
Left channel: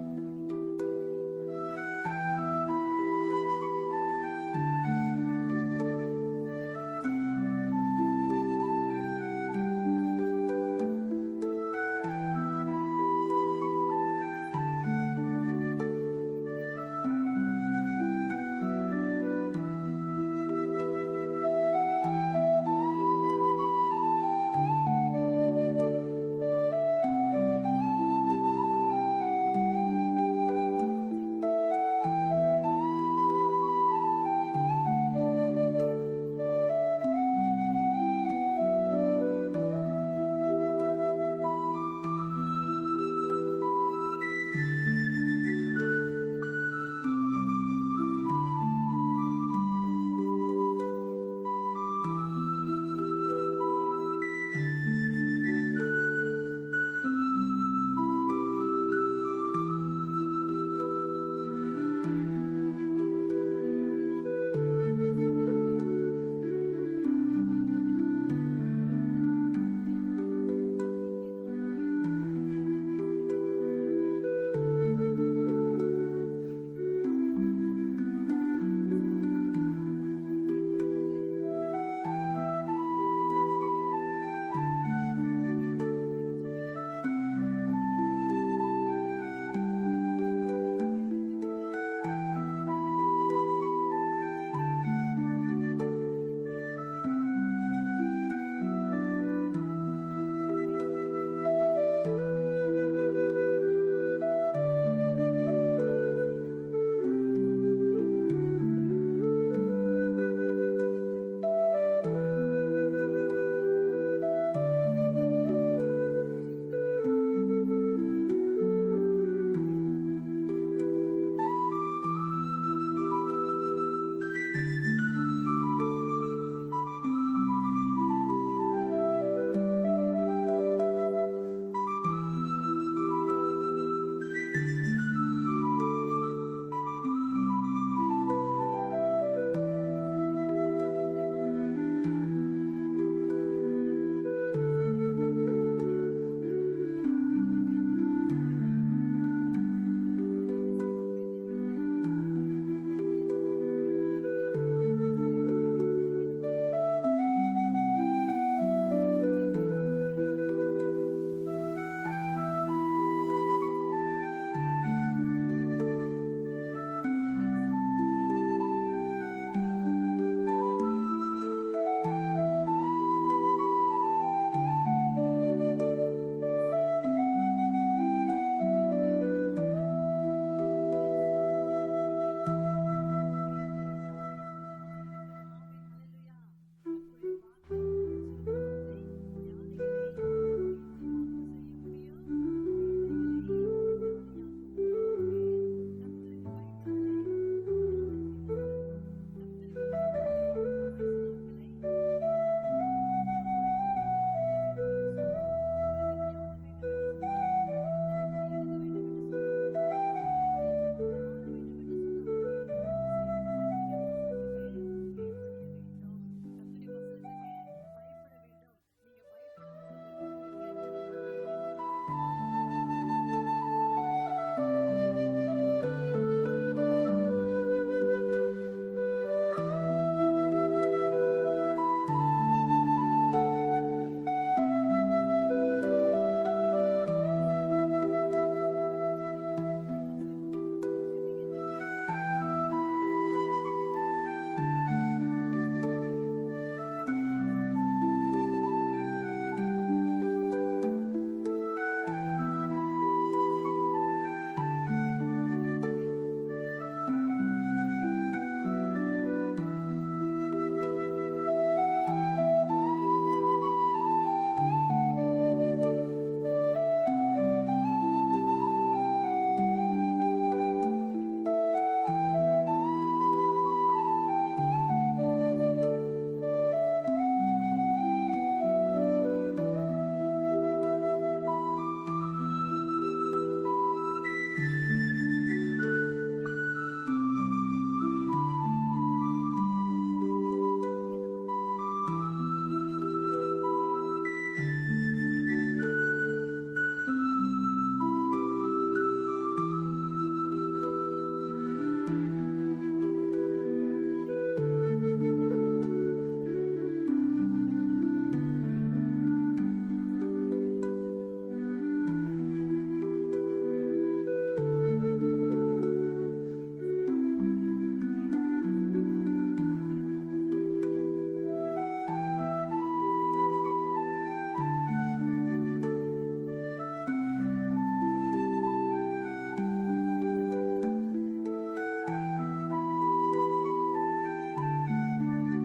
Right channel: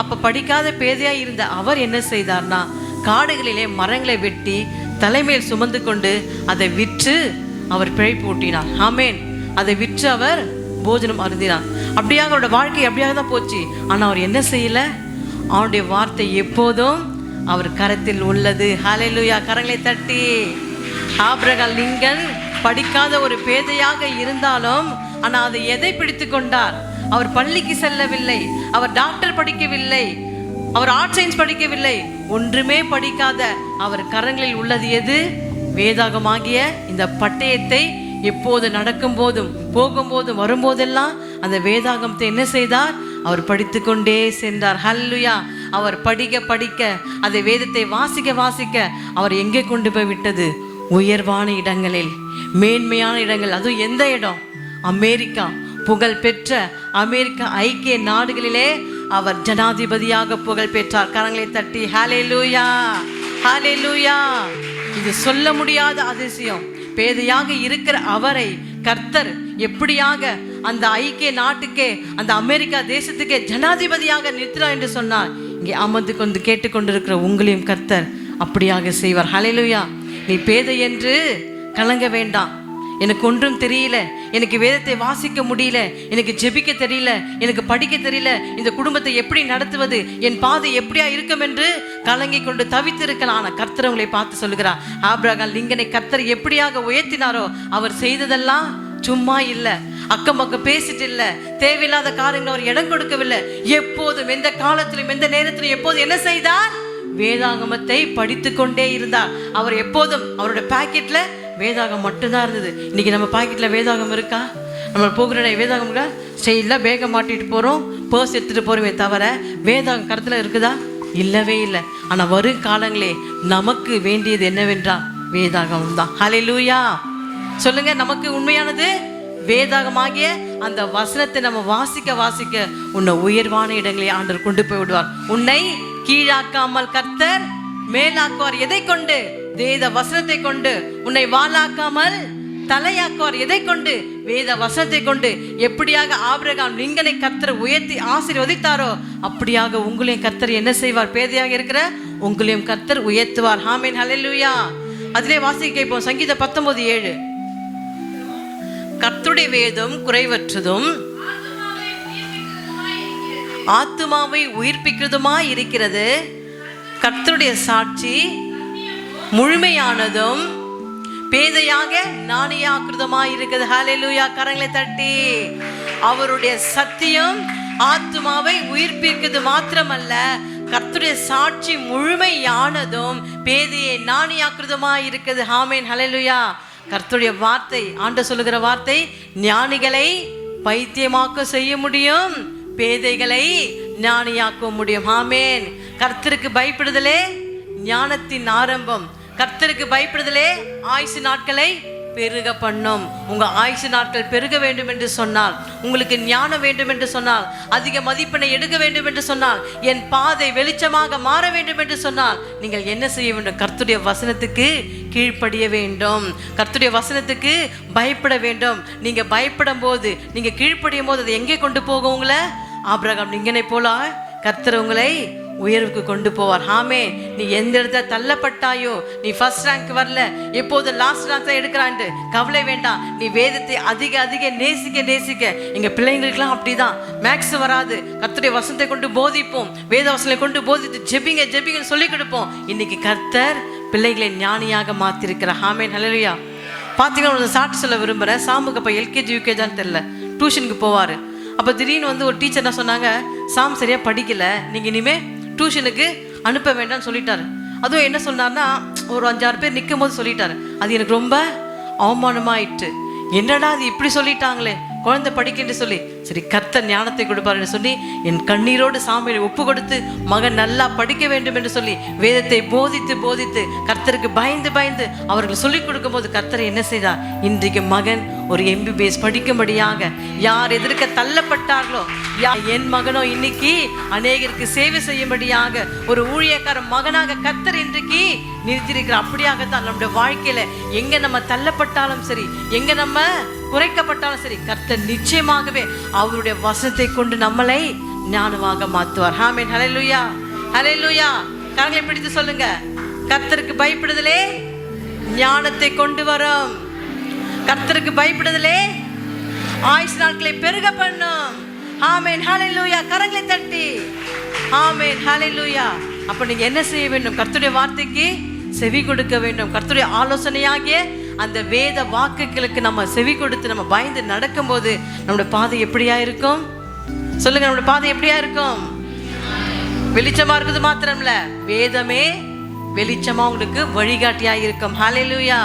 அப்ப படிக்காத பேதையா இருந்த அவர் என்ன செய்தார்னா, காடுகளிலே மரங்களை வெட்டி தலைமையில் சுமந்து கொண்டு அதை விற்று அவர் பிழைப்பு ஊட்டினார். ஆமென். அதை விற்று அவர் போஜனம் அருந்தினார். அப்படியாக அவரோட வாழ்க்கை அப்படியாக தான் போச்சு. ஆனா அவர் என்ன செய்யல? அவருடைய வார்த்தை எப்போதும் அவர் கரத்தில் உள்ளது. ஹல்லேலூயா. கரங்களை தட்டி. ஆபிரகாம் லிங்கன் படிக்காத ஒரு பேதையாக இருந்தாலும் ஆனா அதை எதை பிடித்து கொண்டார்? அவர் பள்ளிக்கு செல்லவில்லை, அவர் டாக்டர் படிக்கவில்லை, அவர் ஆர்ட் சயின்ஸ் படிக்கவில்லை, ஒன்றுமே படிக்காத அவர் கரங்களில் உள்ளது எது? வேதாகமாகிய இந்த பட்டயத்தை எப்போது நடக்கும் போதும் போகும்போதும் வரும்போதெல்லாம் அந்த வேதாகமத்தை என்ன செய்தார்? அவர் படித்து கொண்டே சென்றார். ஹல்லேலூயா. அவர் படிக்க படிக்க அதை வேதத்தை வாசிக்க வாசிக்க அவர் எங்கே கொண்டு போய் விட்டது? உயர்வான இடங்களில், மேன்மையான இடங்கள். அதுவும் எந்த இடம்? அமெரிக்கா, புகழ் பெற்ற அமெரிக்க ஐக்கிய நாடுகளிலே அவர் ஜனாதிபதியாக புகழ் பெற்றார். கரங்களை தட்டி ஹல்லேலூயா, ஹல்லேலூயா. இது சொல்ல முடியாத அதிசயம். பேதையாக இருக்கிற அவரை கர்த்தர் எப்படியாக அந்த ஐக்கிய நாட்டுக்கே, அந்த அமெரிக்கா தேசத்துக்கே ஜனாதிபதியாக நிறுத்தினார் என்று சொன்னார். இங்கே அமர்ந்து கொண்டு கேட்டுக்கொண்டிருக்கிற உங்களையும் கர்த்தர் அப்படியாக செய்வார். ஹல்லேலூயா. நீ பேதை என்று கலங்க வேண்டாம். எனக்கு ஒன்றும் தெரியல, எனக்கு வேதத்தை வாசிக்க முடியல, எனக்கு ஜெபிக்க தெரியல, எனக்கு படிக்க தெரியல, இந்த குடும்பத்தை எப்படி நடத்துவது, என் பாதை எப்படியா இருக்கும் என்று கலங்கி கொண்டு தவித்திருக்கலாம். ஆனால் கர்த்தர் உங்களை பார்த்து சொல்லுகிறார், ஆபிரகாம் லிங்கனை கர்த்தர் எப்படியாக உயர்த்தினாரோ அவர் செய்ததெல்லாம் சும்மா இல்லை, அக்கம் பக்கம் பேசிட்டு இல்லை, தேவையில்லாத காரியங்கள் அவர் இடம் கொடுக்கவில்லை. எப்போதும் எந்த காலத்திலும் எந்த நேரத்திலும் எப்போதும் என்ன செய்தார்? வேதாகமத்தை படித்து கொண்டே இருந்தார். அவர் எப்போதும் அவருடைய பாக்கெட்ல வேதாகம் மட்டும்தான் இருந்தது. இன்னைக்கு நம்ம பாக்கெட்ல வேதாகம் இருக்கா? நம்ம போகிற வேதாகம் இருக்கா? ஸ்டைலில் பேக மாட்டிட்டு போறோம், பர்ஸ் எடுத்துட்டு போறோமே தவிர வேதாகம் கருத்துல இருக்குதா? இல்லவே இல்லை. ஆனா வரும் காலங்களே நமக்கு வேண்டியது என்னவென்றால் வேதாகம் தான். ஹல்லேலூயா. சொல்லுங்க, நமக்கு உண்மையானது வேதாகமாகிய அந்த வசனத்தை நம்ம வாசிக்க வாசிக்க உன்னை உயர்வான இடங்களை ஆண்டவர் கொண்டு போய் விடுவார். உன்னை கீழாக்காமல் கர்த்தர் மேலாக்குவார். எதை கொண்டு? வேத வசனத்தை கொண்டு. உன்னை வாளாக்காமல் தலையாக்குவார். எதை கொண்டு? வேத வசனத்தை கொண்டு. எப்படியாக ஆபிரகாம் லிங்கனை கர்த்தர் உயர்த்தி ஆசீர்வதித்தாரோ அப்படியாக உங்களையும் கர்த்தர் என்ன செய்வார்? பேதையாக இருக்கிற உங்களையும் கர்த்தர் உயர்த்துவார். ஆமென், ஹல்லேலூயா. அதிலே வாசிக்க கேட்போம். சங்கீதம் 19:7. கர்த்தருடைய வேதம் குறைவற்றதும் ஆத்துமாவை உயிர்ப்பிக்கிறதுமாய் இருக்கிறது. கர்த்தருடைய சாட்சி முழுமையானதும் பேதையாக நாணயாக்கிருதமாய் இருக்கிறது. ஹல்லேலூயா. கரங்களை தட்டி. அவருடைய சத்தியம் ஆத்துமாவை உயிர்ப்பிக்கிறது மாத்திரமல்ல, கர்த்தருடைய சாட்சி முழுமையானதும் பேதையை நாணயாக்கிருதமாய் இருக்கிறது. ஆமென், ஹல்லேலூயா. கர்த்தருடைய வார்த்தை, ஆண்டவர் சொல்லுகிற வார்த்தை, ஞானிகளை பைத்தியமாக்க செய்ய முடியும், பேதைகளை ஞானியாக்க முடியும். ஆமென். கர்த்தருக்கு பயப்படுதலே ஞானத்தின் ஆரம்பம். கர்த்தருக்கு பயப்படுதலே ஆயுசு நாட்களை பெருக பண்ணும். உங்க ஆயுசு நாட்கள் பெருக வேண்டும் என்று சொன்னால், உங்களுக்கு ஞானம் வேண்டும் என்று சொன்னால், அதிக மதிப்பெண்ணை எடுக்க வேண்டும் என்று சொன்னால், என் பாதை வெளிச்சமாக மாற வேண்டும் என்று சொன்னால், நீங்கள் என்ன செய்ய வேண்டும்? கர்த்தருடைய வசனத்துக்கு கீழ்ப்படிய வேண்டும். கர்த்தருடைய வசனத்துக்கு பயப்பட வேண்டும். நீங்க பயப்படும் போது, நீங்க கீழ்ப்படியும் போது அது எங்கே கொண்டு போகும்? உங்களை ஆபிரகாம் லிங்கனை போல கர்த்தர் உங்களை உயர்வுக்கு கொண்டு போவார். ஆமே. நீ எந்த இடத்துல தள்ளப்பட்டாயோ, நீ ஃபர்ஸ்ட் ரேங்க் வரல, எப்போது லாஸ்ட் ரேங்க் தான் எடுக்கிறான்ட்டு கவலை வேண்டாம். நீ வேதத்தை அதிக அதிக நேசிக்க நேசிக்க, எங்க பிள்ளைங்களுக்கெல்லாம் அப்படிதான். மேக்ஸ் வராது, கர்த்தருடைய வசனத்தை கொண்டு போதிப்போம், வேத வசனத்தை கொண்டு போதித்து ஜெபிங்க ஜெபிங்கன்னு சொல்லி கொடுப்போம். இன்னைக்கு கர்த்தர் பிள்ளைகளை ஞானியாக மாத்திருக்கிறார். ஆமென். ஹல்லேலூயா. பார்த்தீங்கன்னா ஒரு சாட்சி சொல்ல விரும்புகிறேன். சாமுக்கு அப்போ எல்கேஜி யூகேஜான்னு தெரியல, டியூஷனுக்கு போவார். அப்போ திடீர்னு வந்து ஒரு டீச்சர் என்ன சொன்னாங்க, சாம் சரியாக படிக்கல, நீங்கள் இனிமேல் டியூஷனுக்கு அனுப்ப வேண்டாம்னு சொல்லிட்டாரு. அதுவும் என்ன சொன்னார்னா, ஒரு 5-6 பேர் நிற்கும் போது சொல்லிட்டாரு. அது எனக்கு ரொம்ப அவமானமாயிட்டு. என்னடா அது இப்படி சொல்லிட்டாங்களே, குழந்தை படிக்கிட்டு சொல்லி, சரி கர்த்தர் ஞானத்தை கொடுப்பாருன்னு சொல்லி என் கண்ணீரோடு சாமியை ஒப்பு கொடுத்து மகன் நல்லா படிக்க வேண்டும் என்று சொல்லி வேதத்தை போதித்து போதித்து கர்த்தருக்கு பயந்து பயந்து அவர்கள் சொல்லிக் கொடுக்கும் போது கர்த்தர் என்ன செய்தார்? இன்றைக்கு மகன் ஒரு MBBS படிக்கும்படியாக, யார் எதிர்க்க தள்ளப்பட்டார்களோ, என் மகனோ இன்னைக்கு அநேகருக்கு சேவை செய்யும்படியாக ஒரு ஊழியக்கார மகனாக கர்த்தர் இன்றைக்கு நிறுத்தியிருக்கிறார். அப்படியாகத்தான் நம்முடைய வாழ்க்கையில எங்க நம்ம தள்ளப்பட்டாலும் சரி, எங்க நம்ம குறைக்கப்பட்டாலும் சரி, கர்த்தர் நிச்சயமாகவே அவருடைய வசனத்தை கொண்டு நம்மளை ஞானமாக மாற்றுவார். ஆமென். ஹல்லேலூயா. ஹல்லேலூயா. கரங்களை பிடித்து சொல்லுங்க, கர்த்தருக்கு பயப்படுதலே ஞானத்தை கொண்டு வரும். கர்த்தருக்கு பயப்படுதலே ஆயுசு நாட்களை பெருக பண்ணும். ஆமென். ஹல்லேலூயா. கரங்களை தட்டி ஆமென். ஹல்லேலூயா. அப்ப நீங்க என்ன செய்ய வேண்டும்? கர்த்தருடைய வார்த்தைக்கு செவி கொடுக்க வேண்டும். கர்த்தருடைய ஆலோசனையாகிய அந்த வேத வாக்குகளுக்கு நம்ம செவி கொடுத்து நம்ம பயந்து நடக்கும்போது நம்முடைய பாதை எப்படியா இருக்கும்? சொல்லுங்க, நம்முடைய பாதை எப்படியா இருக்கும்? வெளிச்சமா இருக்குது மாத்திரம்ல, வேதமே வெளிச்சமா உங்களுக்கு வழிகாட்டியா இருக்கும். ஹல்லேலூயா.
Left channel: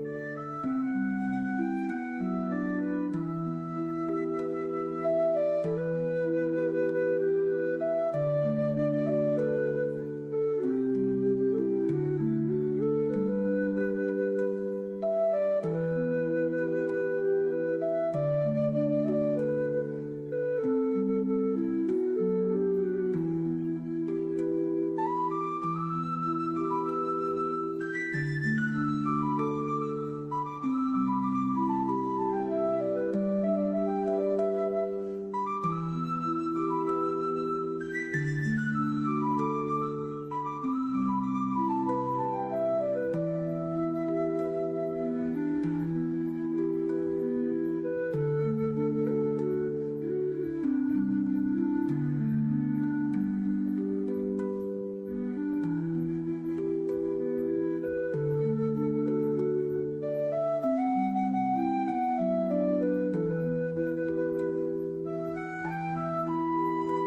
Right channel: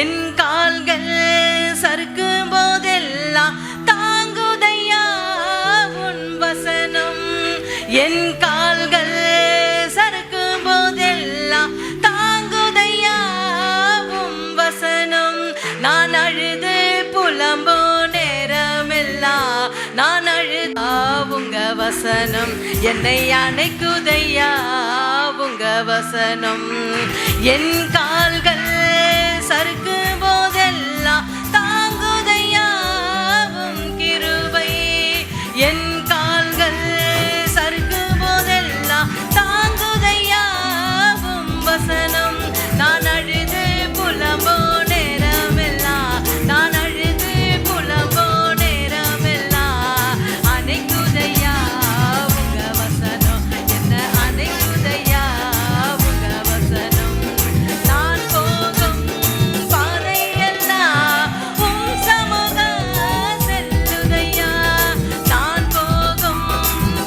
என் கால்கள் சறுக்கும் போதெல்லாம் தாங்குதையா உன் வசனம். என் கால்கள் சறுக்கும் போதெல்லாம் தாங்குதையா உன் வசனம். நான் அழுது புலம்போ நேரமெல்லாம் நான் அழுதா உங்க வசனம். என்னை அணைக்குதையா உங்க வசனம். என் கால்கள் சறுக்கும் போதெல்லாம் தாங்குதையா உன் கிருபை. என் கால்கள் சறுக்கும் போதெல்லாம் தாங்குதையா உன் வசனம். நான் அழுது புலம்போ நேரமெல்லாம் நான் அழுது புலம்போ நேரமெல்லாம் அணைக்குதையா உங்க வசனம். என்ன அணைக்குதையா உங்க வசனம். நான் போகும் பாதையெல்லாம் உம் சமூகம் செல்லுதையா. நான் போகும்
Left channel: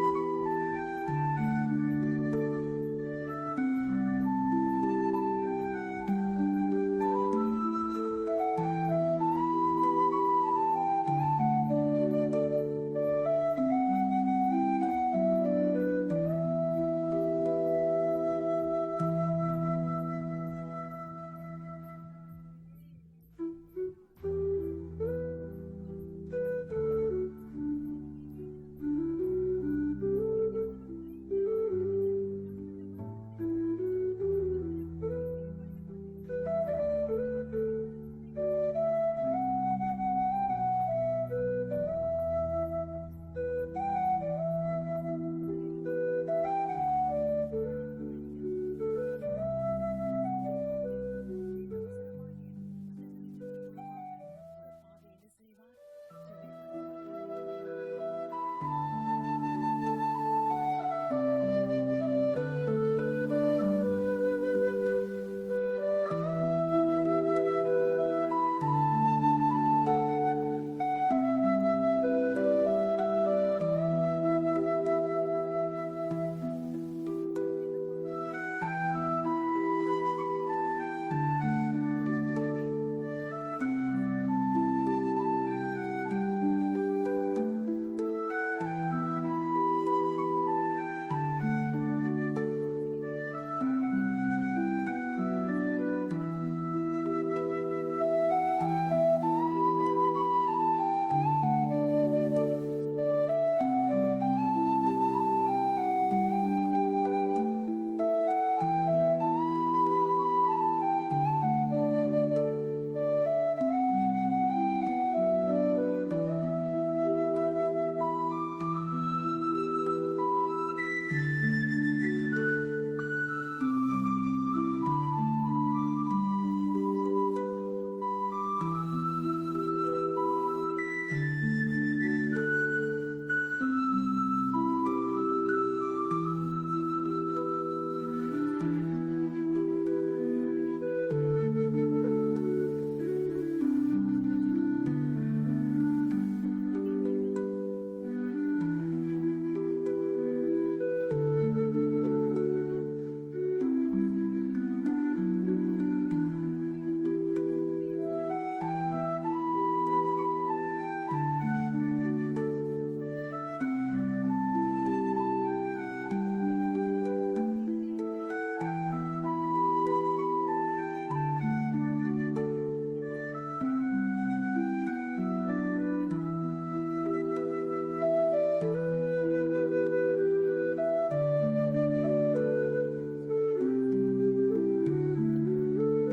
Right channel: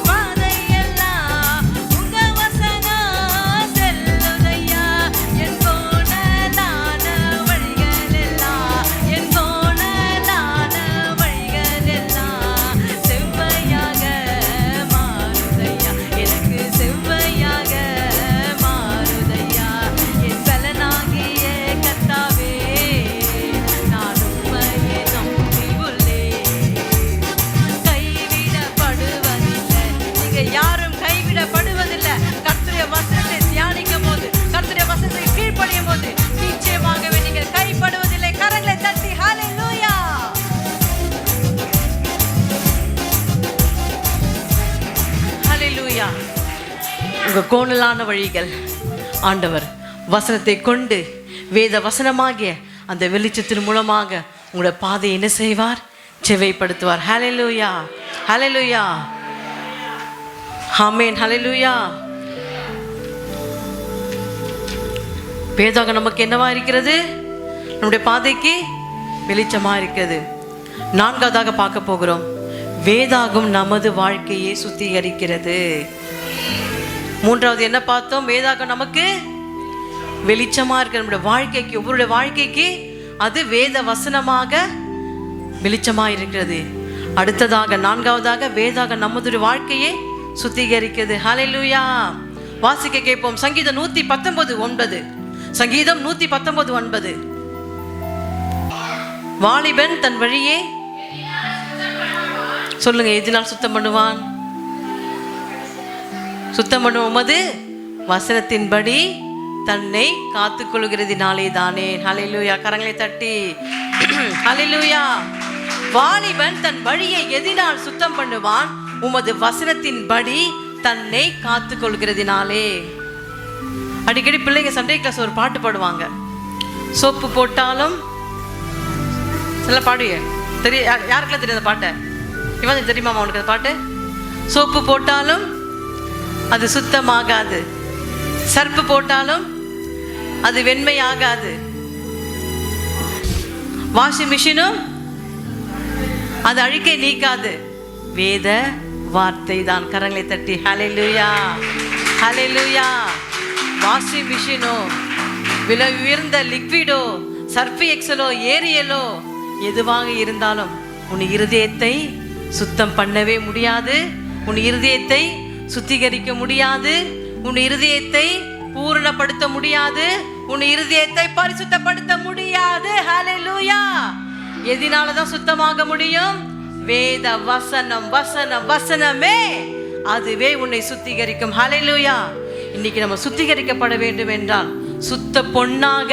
பாதையெல்லாம் உங்க வசனம் செல்லுதையா. என் போனதான வழிகளெல்லாம் என் போனதான வழிகளெல்லாம் செவ்வையாக மாறுதையா. எனக்கு செவ்வையாக மாறுதையா. என் பலனாகிய கர்த்தாவே, நான் உம்மையே நம்பி உள்ளேன். கைவிடப்படுவதில்லை. நீங்க யாரும் கைவிடப்படுவதில்லை. கர்த்தருடைய வசனத்தை தியானிக்கும் போது, கர்த்தருடைய வசனத்தை கீழ்ப்படியும் போது நிச்சயமாகவே நீங்கள் கைப்படுவதில்லை. கரங்களை தட்டி ஹல்லேலூயா. ஹல்லேலூயா. உங்க கோணலான வழிகள் ஆண்டவர் வசனத்தை கொண்டு வேத வசனமாகிய அந்த வெளிச்சத்தின் மூலமாக உங்களோட பாதையை என்ன செய்வார்? செவைப்படுத்துவார். ஹல்லேலூயா. ஹல்லேலூயா. ஆமென். ஹல்லேலூயா. வேதாகம் நமக்கு என்னவா இருக்கிறது? நம்முடைய பாதைக்கு வெளிச்சமா இருக்கிறது. 4வதாக பார்க்க போகிறோம், வேதாகம் நமது வாழ்க்கையை சுத்திகரிக்கிறது. 3வது என்ன பார்த்தோம்? வேதாகம் நமக்கு வெளிச்சமா இருக்கிற நம்முடைய வாழ்க்கைக்கு, ஒவ்வொருடைய வாழ்க்கைக்கு அது வேத வசனமாக வெளிச்சமா இருக்கிறது. அடுத்ததாக நான்காவதாக வேதாகம் நம்முடைய வாழ்க்கையை சுத்திகரிக்கிறது. ஹல்லேலூயா. வாசிக்க கேட்போம். சங்கீதம் 119:9. சங்கீதம் 119:9. வாலிபன் தன் வழியே சொல்லுங்க, எதினால் சுத்தம் பண்ணுவான்? சுத்தம் பண்ணும் உமது வசனத்தின்படி தன்னை காத்துக் கொள்கிறதினாலே தானே. ஹல்லேலூயா. கரங்களை தட்டி ஹல்லேலூயா. வாலிபன் தன் வழியை எதினால் சுத்தம் பண்ணுவான்? உமது வசனத்தின்படி தன்னை காத்துக் கொள்கிறதினாலே. அடிக்கடி பிள்ளைங்க சண்டே கிளாஸ் ஒரு பாட்டு பாடுவாங்க. சோப்பு போட்டாலும் சில பாடுங்க தெரியும். யாருக்கெல்லாம் தெரியும் அந்த பாட்டை? இவன் தெரியுமா உனக்கு அந்த பாட்டு? சோப்பு போட்டாலும் அது சுத்தமாகாது, சர்ப்பு போட்டாலும் அது வெண்மையாகாது, வாஷிங் மிஷினும் அது அழுக்கை நீக்காது. வேத வார்த்தை தான். கரங்களை தட்டி ஹல்லேலூயா, ஹல்லேலூயா. வாஷிங் மிஷினோ, விலை உயர்ந்த லிக்விடோ, சர்ஃப் எக்ஸலோ, ஏரியலோ எதுவாக இருந்தாலும் உன் இருதயத்தை சுத்தம் பண்ணவே முடியாது. உன் இருதயத்தை சுத்திகரிக்க முடியாது. உன் இருதயத்தை பூரணப்படுத்த முடியாது. உன் இருதயத்தை பரிசுத்தப்படுத்த முடியாது. ஹல்லேலூயா. எதனாலதான் சுத்தமாக முடியும்? வேத வசனம், வசனம், வசனமே அதுவே உன்னை சுத்திகரிக்கும். ஹல்லேலூயா. இன்னைக்கு நம்ம சுத்திகரிக்கப்பட வேண்டும் என்றால் சுத்த பொன்னாக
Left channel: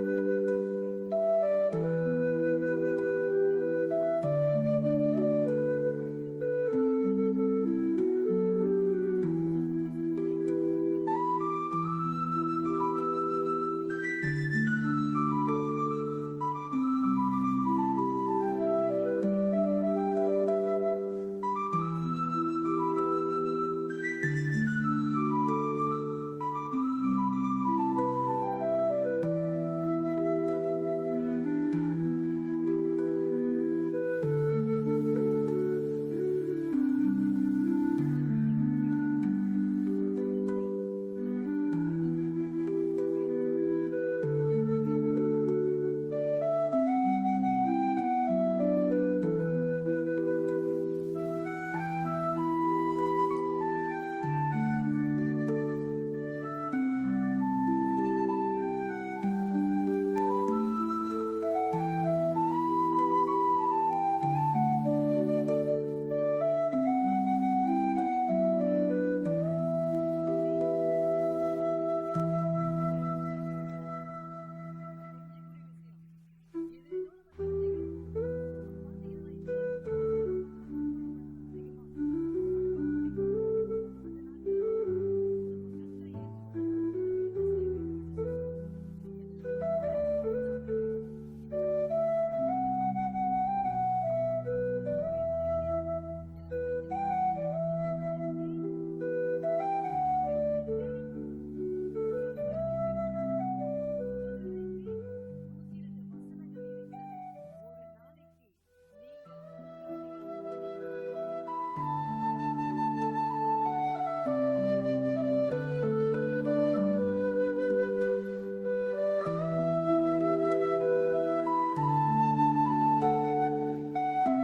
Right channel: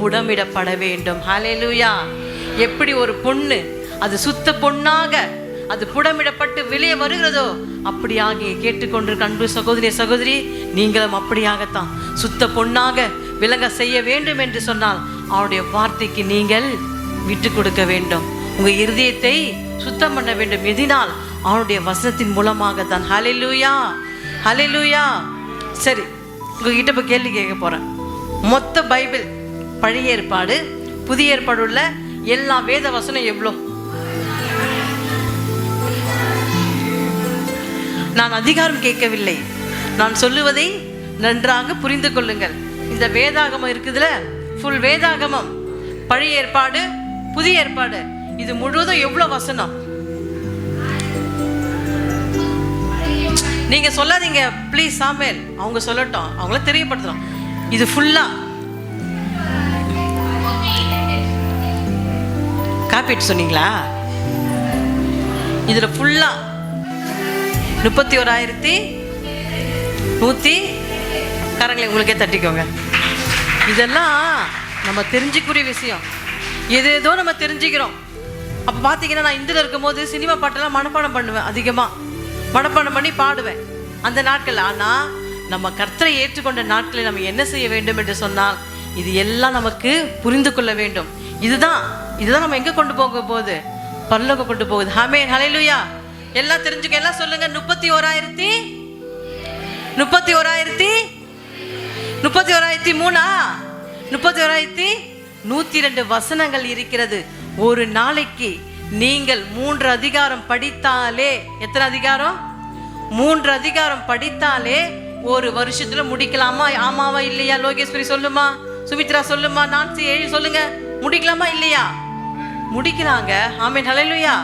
புடமிடப்பட வேண்டும். ஹல்லேலூயா. எப்படி ஒரு பொண்ணு அது சுத்த பொன்னாக அது புடமிடப்பட்டு வெளியே வருகிறதோ அப்படியாக கேட்டுக்கொண்டிருக்க அன்பு சகோதரி, சகோதரி, நீங்களும் அப்படியாகத்தான் சுத்த பொன்னாக விளங்க செய்ய வேண்டும் என்று சொன்னால் அவருடைய வார்த்தைக்கு நீங்கள் விட்டு கொடுக்க வேண்டும். உங்க இருதயத்தை சுத்தம் பண்ண வேண்டும். எதினால்? அவருடைய வசனத்தின் மூலமாக தான். ஹல்லேலூயா, ஹல்லேலூயா. சரி, உங்ககிட்ட இப்ப கேள்வி கேட்க போறேன். மொத்த பைபிள், பழைய ஏற்பாடு புதிய ஏற்பாடு உள்ள எல்லா வேத வசனம் எவ்வளோ? நான் அதிகாரம் கேட்கவில்லை, நான் சொல்லுவதை நன்றாக புரிந்து கொள்ளுங்கள். இந்த வேதாகமம் இருக்குதுல, ஃபுல் வேதாகமம், பழைய ஏற்பாடு புதிய ஏற்பாடு, இது முழுவதும் எவ்வளவு வசனம்? நீங்க சொல்லாதீங்க ப்ளீஸ் சாமுவேல், அவங்க சொல்லட்டும், அவங்கள தெரியப்படுத்துறோம். இது ஃபுல்லா காப்பிட்டு சொன்னீங்களா? இதுல ஃபுல்லா 31,100 கரங்களை உங்களுக்கே தட்டிக்கோங்க. இதெல்லாம் நம்ம தெரிஞ்சுக்கூடிய விஷயம். ஏதோ நம்ம தெரிஞ்சுக்கிறோம். அப்போ பார்த்தீங்கன்னா, நான் இந்தியில் இருக்கும்போது சினிமா பாட்டெல்லாம் மனப்பாடம் பண்ணுவேன். அதிகமாக மனப்பாடம் பண்ணி பாடுவேன் அந்த நாட்கள். ஆனால் நம்ம கர்த்தரை ஏற்றுக்கொண்ட நாட்களில் நம்ம என்ன செய்ய வேண்டும் என்று சொன்னால், இது எல்லாம் நமக்கு புரிந்து கொள்ள வேண்டும். இதுதான் நம்ம எங்கே கொண்டு போக போகுது? பரலோகம் கொண்டு போகுது. ஆமென், ஹல்லேலூயா. எல்லாம் தெரிஞ்சுக்க, எல்லாம் சொல்லுங்க. 31,102 வசனங்கள் இருக்கிறது. ஒரு நாளைக்கு நீங்கள் 3 அதிகாரம் படித்தாலே, எத்தனை அதிகாரம்? 3 அதிகாரம் படித்தாலே ஒரு வருஷத்துல முடிக்கலாமா? ஆமாவா இல்லையா? லோகேஸ்வரி சொல்லுமா, சுமித்ரா சொல்லுமா, நான்சி 7 சொல்லுங்க. முடிக்கலாமா இல்லையா? முடிக்கிறாங்க. ஆமென், ஹல்லேலூயா.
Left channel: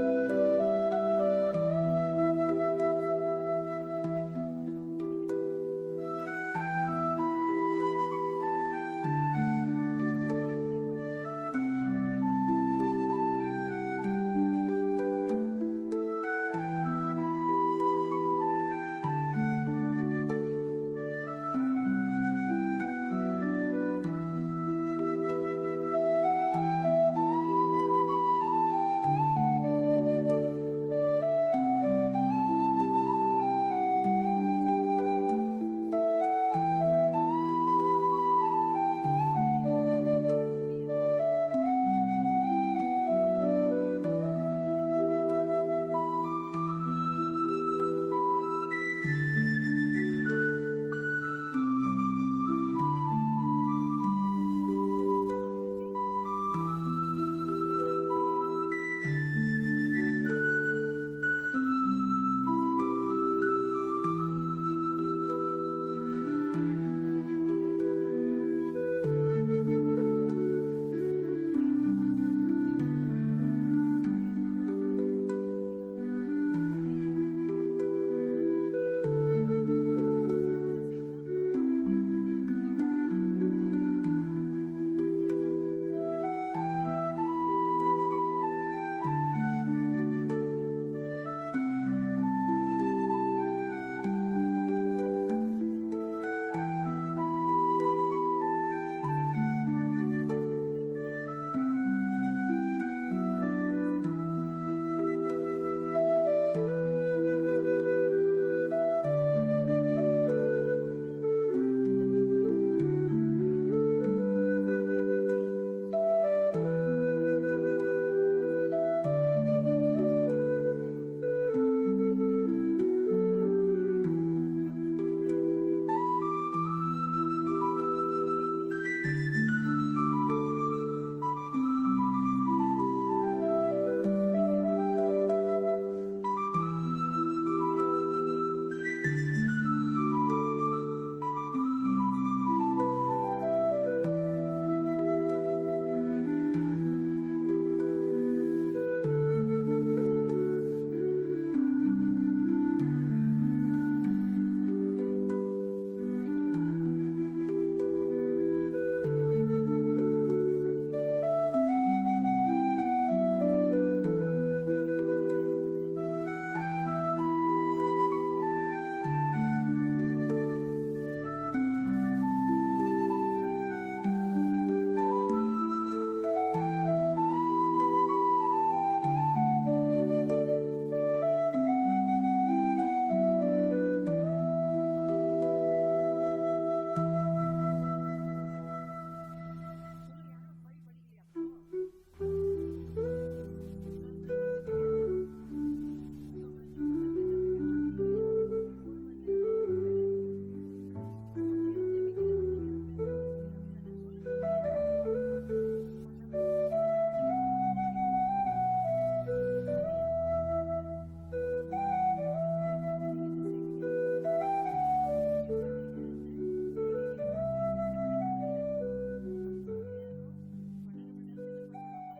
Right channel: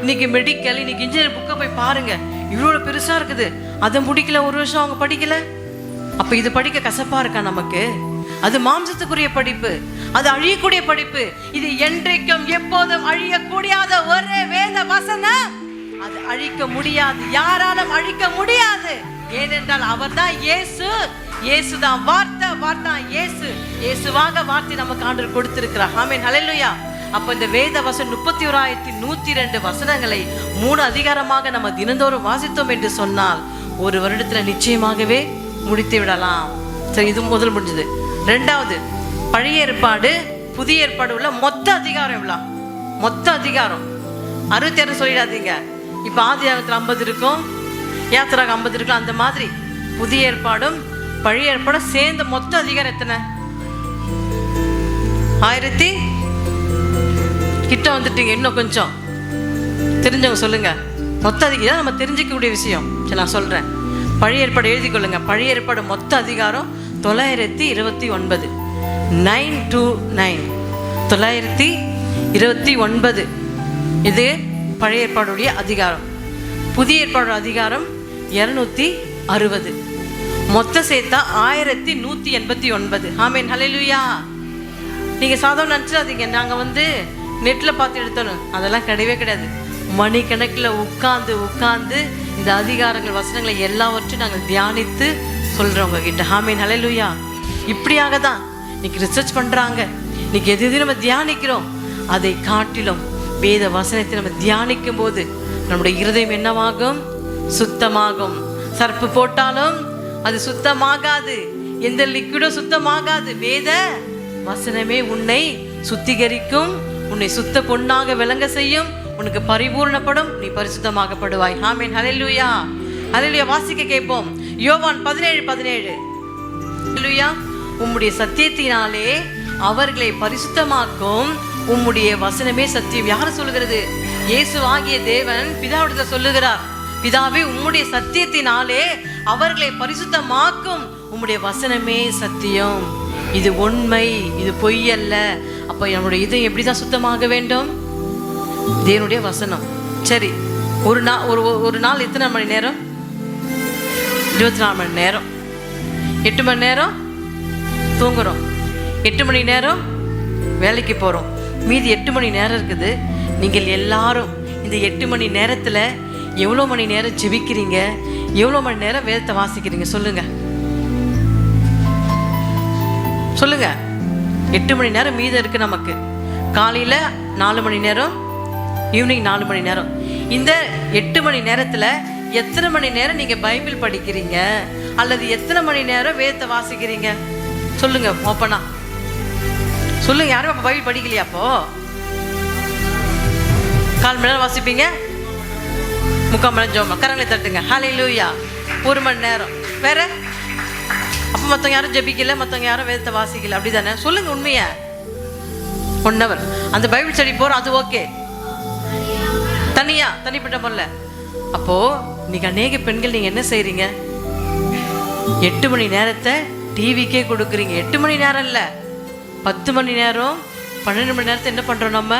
இன்னைக்கு மெடிக்கல், இன்னைக்கு இன்ஜினியர் புக்கை போய் பாருங்க, இவ்வளோ பெருசா இருக்குது. அதை முடிக்கல, ஒரு வருஷம் அவங்க படிக்கல. அப்ப இது படிக்க கசப்பா இருக்கா நமக்கு? அது மாம்சத்துக்குரிய படிப்பு, அது அழியக்கூடிய படிப்பு. இது என்றைக்கும் எப்போதும் அழியக்கூடியாத ஒரு வேத வசனம். அது அழிக்க முடியாது, யாராலும் அழிக்க முடியாது. ஏனென்றால் அவர் தான் இயேசு, இயேசு தான் வார்த்தை, வார்த்தை இயேசு, இயேசுவாக வார்த்தை நமக்கு ஆண்டவர் கொடுத்திருக்கிறார். ஆமென், ஹல்லேலூயா. அப்ப இந்த வேத வசனம் 31,102 வசனங்களை 3 அதிகாரமாக நம்ம தினந்தோறும் வாசித்தோம் என்று சொன்னால் ஒரு வருடத்துல நிச்சயமாகவே முடித்து விடலாம். சரி, இது முதல் முடிஞ்சது. 2வது, பழைய ஏற்பாடு புதிய ஏற்பாடு உள்ள மொத்த அதிகாரம் எவ்வளோ? மொத்த அதிகாரம் 66 சொல்லிடாதீங்க. இப்ப ஆதியாகமத்துல 50 இருக்கும், யாத்திராக 50 இருக்கும். அந்த மாதிரி புதிய ஏற்பாடும் பழைய ஏற்பாடும் சேர்ந்த மொத்த அதிகாரம் எத்தனை? 1000 கிட்ட வந்துட்டீங்க. இன்னும் கொஞ்சம் தெரிஞ்சவங்க சொல்லுங்க. மொத்த அதிகாரம் நம்ம தெரிஞ்சிக்கக்கூடிய விஷயம். சரி, நான் சொல்றேன். பழைய ஏற்பாடு எழுதி கொள்ளுங்க. பழைய ஏற்பாடு மொத்த அதிகாரம் 929. 929 929. இது பழைய ஏற்பாடுடைய அதிகாரம். புதிய ஏற்பாடு அதிகாரம் 260. மொத்த சேர்த்தா 1189. ஆமென், ஹல்லேலூயா. நீங்கள் சாதாரண நினச்சிடாதீங்க நாங்கள் நெட்டில் பார்த்து எடுத்தோம், அதெல்லாம் கிடையவே கிடையாது. மணிக்கணக்கில் உட்கார்ந்து இந்த அதிகாரங்கள் வசனங்களை எல்லாவற்றையும் நாங்கள் தியானித்து சொல்கிறவங்க கிட்ட. ஆமென், ஹல்லேலூயா. இப்படியாக தான் இன்னைக்கு ரிசர்ச் பண்ணுறாங்க. இன்னைக்கு எது நம்ம தியானிக்கிறோம் அதை காட்டிலும் வேத வசனத்தை நம்ம தியானிக்கும் போது நம்முடைய இருதயம் என்னவாகும்? சுத்தமாகும். சர்ப்பு போட்டாலும் அது சுத்தமாகாது, எந்த லிக்விடும் சுத்தமாகாது. வேத வசனமே உன்னை சுத்திகரிக்கும், உன்னை சுத்த பொன்னாக விளங்க செய்யும், உனக்கு பரிபூர்ணப்படும், நீ பரிசுத்தமாகப்படுவாய். ஆமென், ஹல்லேலூயா. ஹல்லேலூயா. வாசிக்க கேட்போம். யோவான் 17:17. ஹல்லேலூயா. உம்முடைய சத்தியத்தினாலே அவர்களை பரிசுத்தமாக்கும், உம்முடைய வசனமே சத்தியம். யார் சொல்லுகிறது? இயேசு ஆகிய தேவன் பிதாவிடத்தில் சொல்லுகிறார், பிதாவே உம்முடைய சத்தியத்தினாலே அவர்களை பரிசுத்தமாக்கும், உம்முடைய வசனமே சத்தியம். இது உண்மை, இது பொய் அல்ல. அப்போ நம்முடைய இதயம் எப்படி தான் சுத்தமாக வேண்டும்? தேவனுடைய வசனம். சரி, ஒரு நாள் எத்தனை மணி நேரம்? 24 மணி நேரம். 8 மணி நேரம் தூங்குறோம், 8 மணி நேரம் வேலைக்கு போகிறோம், மீதி 8 மணி நேரம் இருக்குது. நீங்கள் எல்லாரும் இந்த 8 மணி நேரத்தில் எவ்வளோ மணி நேரம் ஜெபிக்கிறீங்க? எவ்வளோ மணி நேரம் வேதத்தை வாசிக்கிறீங்க? சொல்லுங்க. 8 மணி நேரம் மீதம் இருக்குது நமக்கு. காலையில் 4 மணி நேரம், ஈவினிங் 4 மணி நேரம். இந்த 8 மணி நேரத்தில் எத்தனை மணி நேரம் நீங்கள் பைபிள் படிக்கிறீங்க? அல்லது எத்தனை மணி நேரம் வேதத்தை வாசிக்கிறீங்க? சொல்லுங்க ஓப்பனா சொல்லுங்க. யாரும் அப்போ பைபிள் படிக்கலையா? அப்போ 4 மணி நேரம் வாசிப்பீங்க, 3/4 மணி நேரம் ஜெபம். கரங்களை தட்டுங்க. ஹல்லேலூயா. 1 மணி நேரம் வேற. அப்போ மற்றவங்க யாரும் ஜெபிக்கல, மற்றவங்க யாரும் வேதத்தை வாசிக்கல, அப்படி தானே? சொல்லுங்க உண்மையா. 1 hour அந்த பைபிள் ஸ்டடி போகிறோம், அது ஓகே. தனிப்பட்ட முறையில். அப்போ இன்னைக்கு அநேக பெண்கள் நீங்க என்ன செய்றீங்க? 8 மணி நேரத்தை டிவிக்கே கொடுக்குறீங்க. 8 மணி நேரம் இல்லை, 10 மணி நேரம், 12 மணி நேரத்தை என்ன பண்ணுறோம்? நம்ம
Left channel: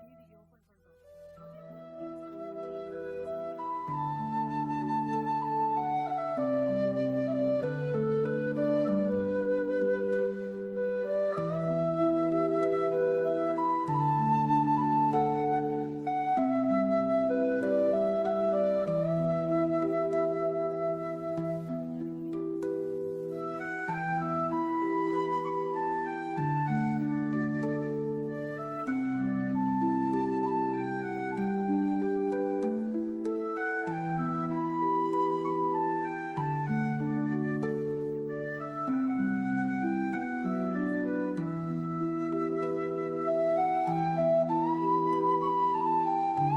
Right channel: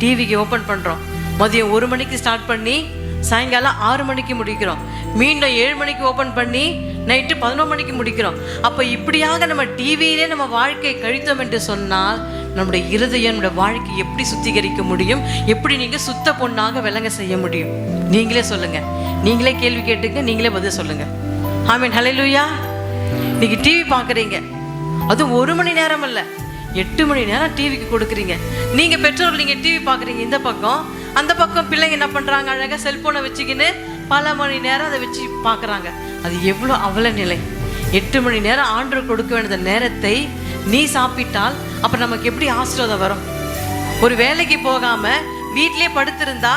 டிவிக்கு ஓப்பன் பண்ணுறோம். மதியம் 1 மணிக்கு ஸ்டார்ட் பண்ணி சாயங்காலம் 6 மணிக்கு முடிக்கிறோம். மீண்டும் 7 மணிக்கு ஓப்பன் பண்ணி நைட்டு 11 மணிக்கு முடிக்கிறோம். அப்போ இப்படியாக நம்ம டிவியிலே நம்ம வாழ்க்கை கழித்தோம் என்று சொன்னால் நம்முடைய இருதயம், நம்முடைய வாழ்க்கை எப்படி சுத்திகரிக்க முடியும்? எப்படி நீங்கள் சுத்த பொண்ணாக விளங்க செய்ய முடியும்? நீங்களே சொல்லுங்கள். நீங்களே கேள்வி கேட்டுங்க, நீங்களே பதில் சொல்லுங்கள். ஆமென், ஹல்லேலூயா. இன்னைக்கு டிவி பார்க்குறீங்க, அதுவும் 1 மணி நேரம் இல்லை, 8 மணி நேரம் டிவிக்கு கொடுக்குறீங்க. நீங்கள் பெற்றோர்கள், நீங்கள் டிவி பார்க்குறீங்க இந்த பக்கம், அந்த பக்கம் பிள்ளைங்க என்ன பண்ணுறாங்க? அழகாக செல்ஃபோனை வச்சுக்கின்னு பல மணி நேரம் அதை வச்சு பார்க்குறாங்க. அது எவ்வளோ அவல நிலை. 8 மணி நேரம் ஆண்டவர் கொடுக்க வேண்டிய நேரத்தை நீ சாப்பிட்டால் அப்போ நமக்கு எப்படி ஆசீர்வாதம் வரும்? ஒரு வேலைக்கு போகாமல் வீட்டிலே படுத்திருந்தா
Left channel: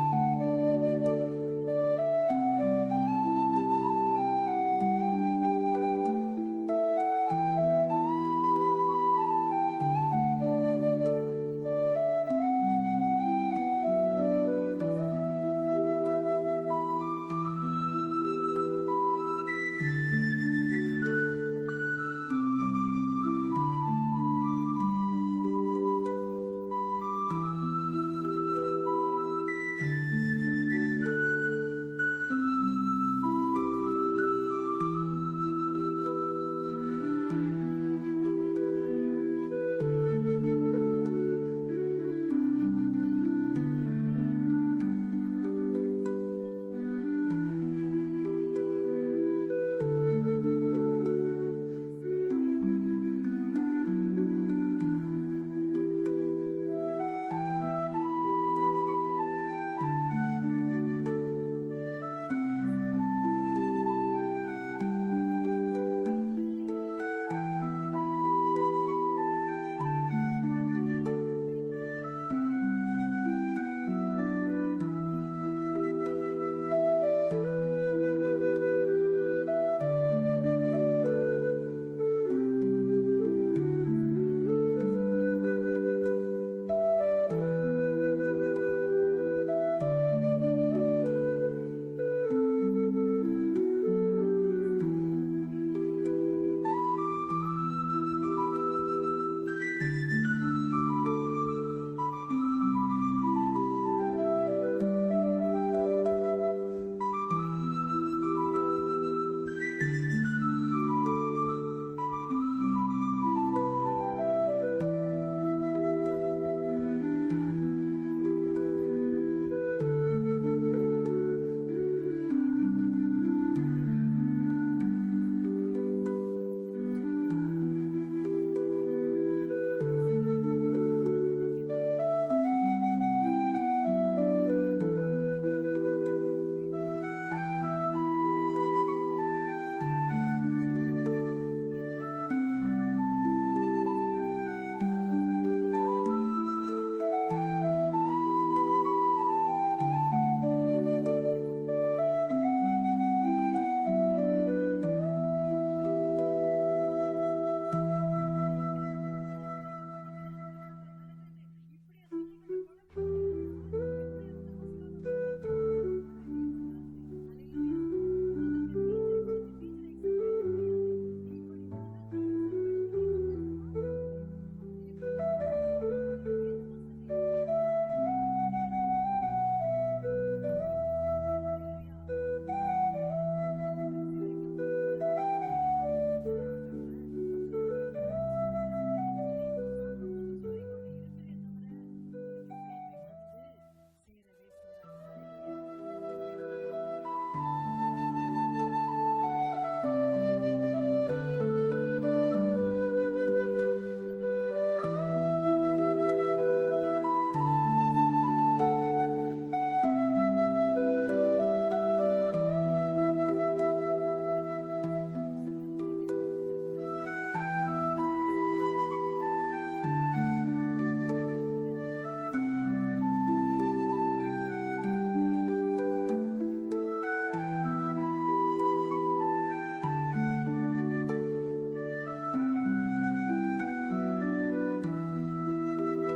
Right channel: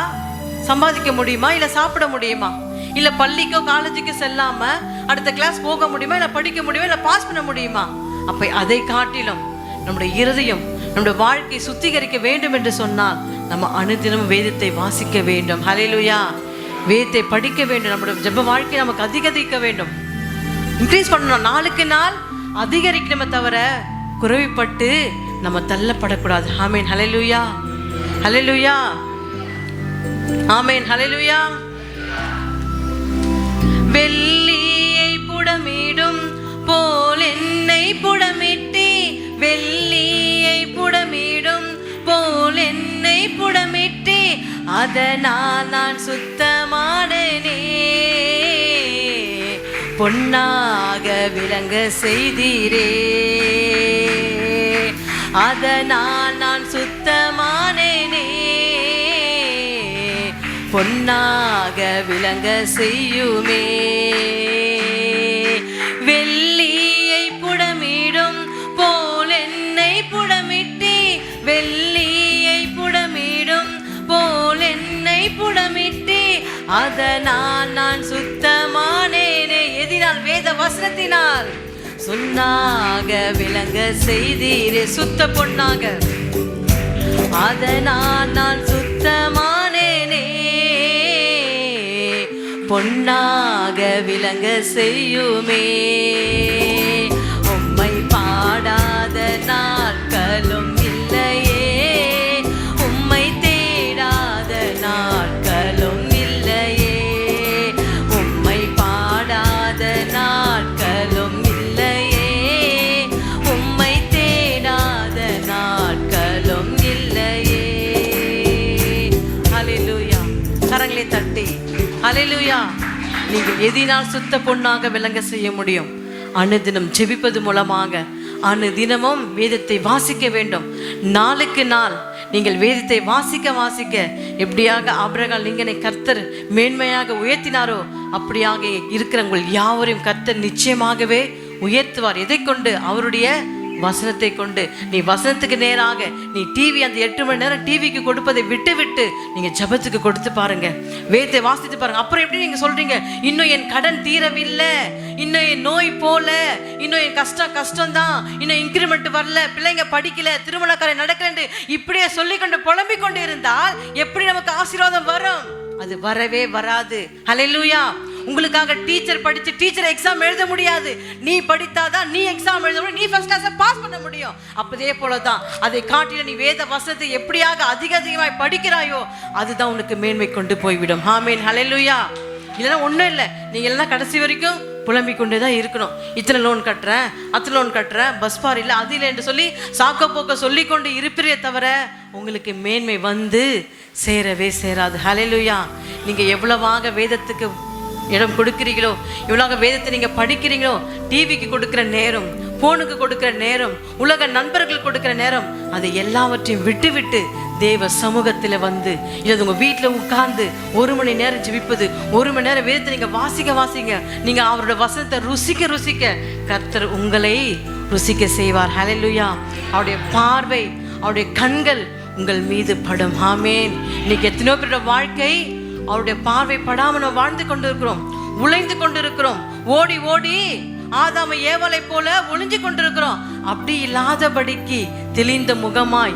சம்பாதிக்க முடியுமா? இல்லை சாப்பிட முடியுமா? இல்லை பள்ளிக்கோ காலேஜுக்கோ செல்லாமல் அடுத்த கிளாஸ் போக முடியுமா? இல்லை படிக்க முடியுமா? இல்லை பாஸ் பண்ண முடியுமா? அப்போ அதை காட்டிலும் நம்முடைய இருதயம், நம்முடைய வாழ்க்கை சுத்திகரிக்க வேண்டும் என்று சொன்னால் நம்ம அனுதினமும் வேதத்தை வாசிக்க வேண்டும். ஹல்லேலூயா. வேதத்தை படிக்க வேண்டும். நம்முடைய ஜெப வாழ்க்கை நமக்கு அதிகரிக்க வேண்டும், இன்க்ரீஸ் பண்ணணும். நாளுக்கு நாள் அதிகரிக்கணுமே தவிர குறைவுபட்டு நம்ம தள்ளப்படக்கூடாது. ஆமென், ஹல்லேலூயா. ஹல்லேலூயா. ஆமென், ஹல்லேலூயா. வெள்ளியை புடமிடும் போல் என்னை புடமிட்டி, வெள்ளியை புடமிடும் போல் என்னை புடமிட்டி, அதனால் நான் சுத்தமானேனே, பொன்னாக விளங்க செய்தீரே, அதனால் நான் சுத்தமானேனே, பொன்னாக விளங்க செய்யுமே. வெள்ளியை புடமிடும் போல் என்னை புடமிட்டி, வெள்ளியை புடமிடும் போல் என்னை புடமிட்டி, அதனால் நான் சுத்தமானேனே. எதினால்? வேத வசனத்தினால். சொன்னாக விளங்க செய்தீரே, சுத்த பொன்னாக, அதனால் நான் சுத்தமானேனே, பொன்னாக விளங்க செய்யுமே. உம்மை பாடாத நாட்களும் இல்லையே, உம்மை தேடாத நாட்கள் ஹல்லேலூயா. நீங்கள் எதினால் சுத்த பொன்னாக விளங்க செய்ய முடியும்? அனுதினம் ஜெபிப்பது மூலமாக. அனுதினமும் வேதத்தை வாசிக்க வேண்டும். நாளுக்கு நாள் நீங்கள் வேதத்தை வாசிக்க எப்படியாக ஆபிரகாம் லிங்கனை கர்த்தர் மேன்மையாக உயர்த்தினாரோ அப்படியாக இருக்கிற உங்கள் யாவரையும் கர்த்தர் நிச்சயமாகவே உயர்த்துவார். எதை கொண்டு? அவருடைய வசனத்தை கொண்டு. நீ வசனத்துக்கு நேராக நீ டிவி அந்த 8 மணி நேரம் டிவிக்கு கொடுப்பதை விட்டு நீங்க ஜெபத்துக்கு கொடுத்து பாருங்க, வேதத்தை வாசித்து பாருங்க. அப்புறம் எப்படி நீங்க சொல்றீங்க, இன்னும் என் கடன் தீரவில்லை, இன்னும் என் நோய் போல, இன்னும் என் கஷ்டம் தான், இன்னும் இன்கிரிமெண்ட் வரல, பிள்ளைங்க படிக்கல, திருமண காரியம் நடக்கல, இப்படியே சொல்லிக்கொண்டு புலம்பிக் கொண்டு இருந்தால் எப்படி நமக்கு ஆசீர்வாதம் வரும்? அது வரவே வராது. ஹல்லேலூயா. உங்களுக்காக டீச்சர் படிச்சு டீச்சர் எக்ஸாம் எழுத முடியாது. நீ படித்தாதான் நீ எக்ஸாம் எழுத முடியும், நீ ஃபர்ஸ்ட் கிளாஸை பாஸ் பண்ண முடியும். அப்பதே போலதான் அதை காட்டில நீ வேத வசனத்தை எப்படியாக அதிகமாய் படிக்கிறாயோ அதுதான் உனக்கு மேன்மை கொண்டு போய்விடும். ஆமென். ஹல்லேலூயா. இல்லைன்னா ஒன்றும் இல்லை, நீங்க எல்லாம் கடைசி வரைக்கும் புலம்பிக் கொண்டே தான் இருக்கணும். இத்தனை லோன் கட்டுறேன், அத்தனை லோன் கட்டுறேன், பஸ் பார் இல்லை, அது இல்லை என்று சொல்லி சாக்க போக்க சொல்லி கொண்டு இருப்பீரே தவிர உங்களுக்கு மேன்மை வந்து சேரவே சேராது. ஹல்லேலூயா. நீங்க எவ்வளவாக வேதத்துக்கு இடம் கொடுக்கிறீங்களோ, எவ்வளவு வேதத்தை நீங்க படிக்கிறீங்களோ, டிவிக்கு கொடுக்கிற நேரம், போனுக்கு கொடுக்கிற நேரம், உலக நண்பர்கள் கொடுக்கிற நேரம், அதை எல்லாவற்றையும் விட்டு தேவ சமூகத்தில் வந்து இல்லை உங்க வீட்டில் உட்கார்ந்து 1 மணி நேரம் ஜெபிப்பது, 1 மணி நேரம் வேதத்தை நீங்க வாசிக்க நீங்க அவரோட வசனத்தை ருசிக்க கர்த்தர் உங்களை ருசிக்க செய்வார். ஹல்லேலூயா. அவருடைய பார்வை, அவருடைய கண்கள் உங்கள் மீது படும். ஆமென். இன்னைக்கு எத்தனையோ பேரோட வாழ்க்கை அவருடைய பார்வை படாமல் நம்ம வாழ்ந்து கொண்டிருக்கிறோம், உழைந்து கொண்டிருக்கிறோம், ஓடி ஆதாம ஏவாளை போல ஒளிஞ்சு கொண்டிருக்கிறோம். அப்படி இல்லாதபடிக்கு தெளிந்த முகமாய்,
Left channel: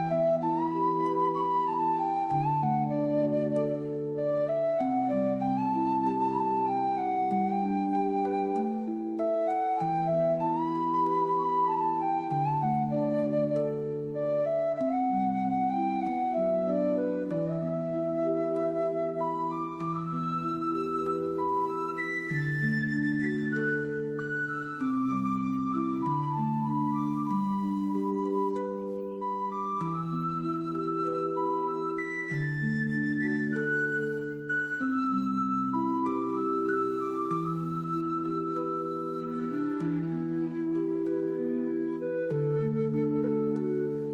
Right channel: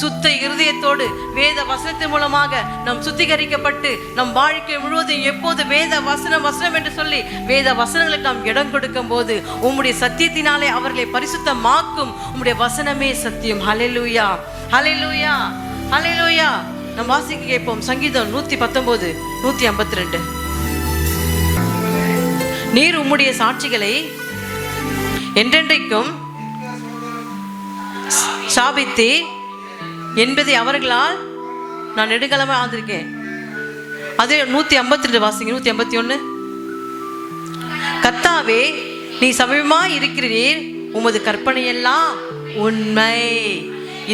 சுத்த இருதயத்தோடு வேத வசனத்தின் மூலமாக நாம் சுத்திகரிக்கப்பட்டு நம் வாழ்க்கை முழுவதும் எப்போது வேத வசனம் என்று சொல்லி வேத வசனங்களுக்கு நாம் இடம் கொடுக்கும் போது உம்முடைய சத்தியத்தினாலே அவர்களை பரிசுத்தமாக்கும். உம்முடைய வசனமே சத்தியம். ஹல்லேலூயா. ஹல்லேலூயா. ஹல்லேலூயா. நம் வாசிக்க கேட்போம். சங்கீதம் 119 152. நீர் உம்முடைய சாட்சிகளை என்றென்றைக்கும் சாபித்தே என்பதை அவர்களால் நான் நெடுங்காலமா ஆந்திருக்கேன். அதே 152 வாசிங்க. 151. கர்த்தாவே நீ சமீபமாய் இருக்கிறீர், உமது கற்பனை எல்லாம் உண்மை,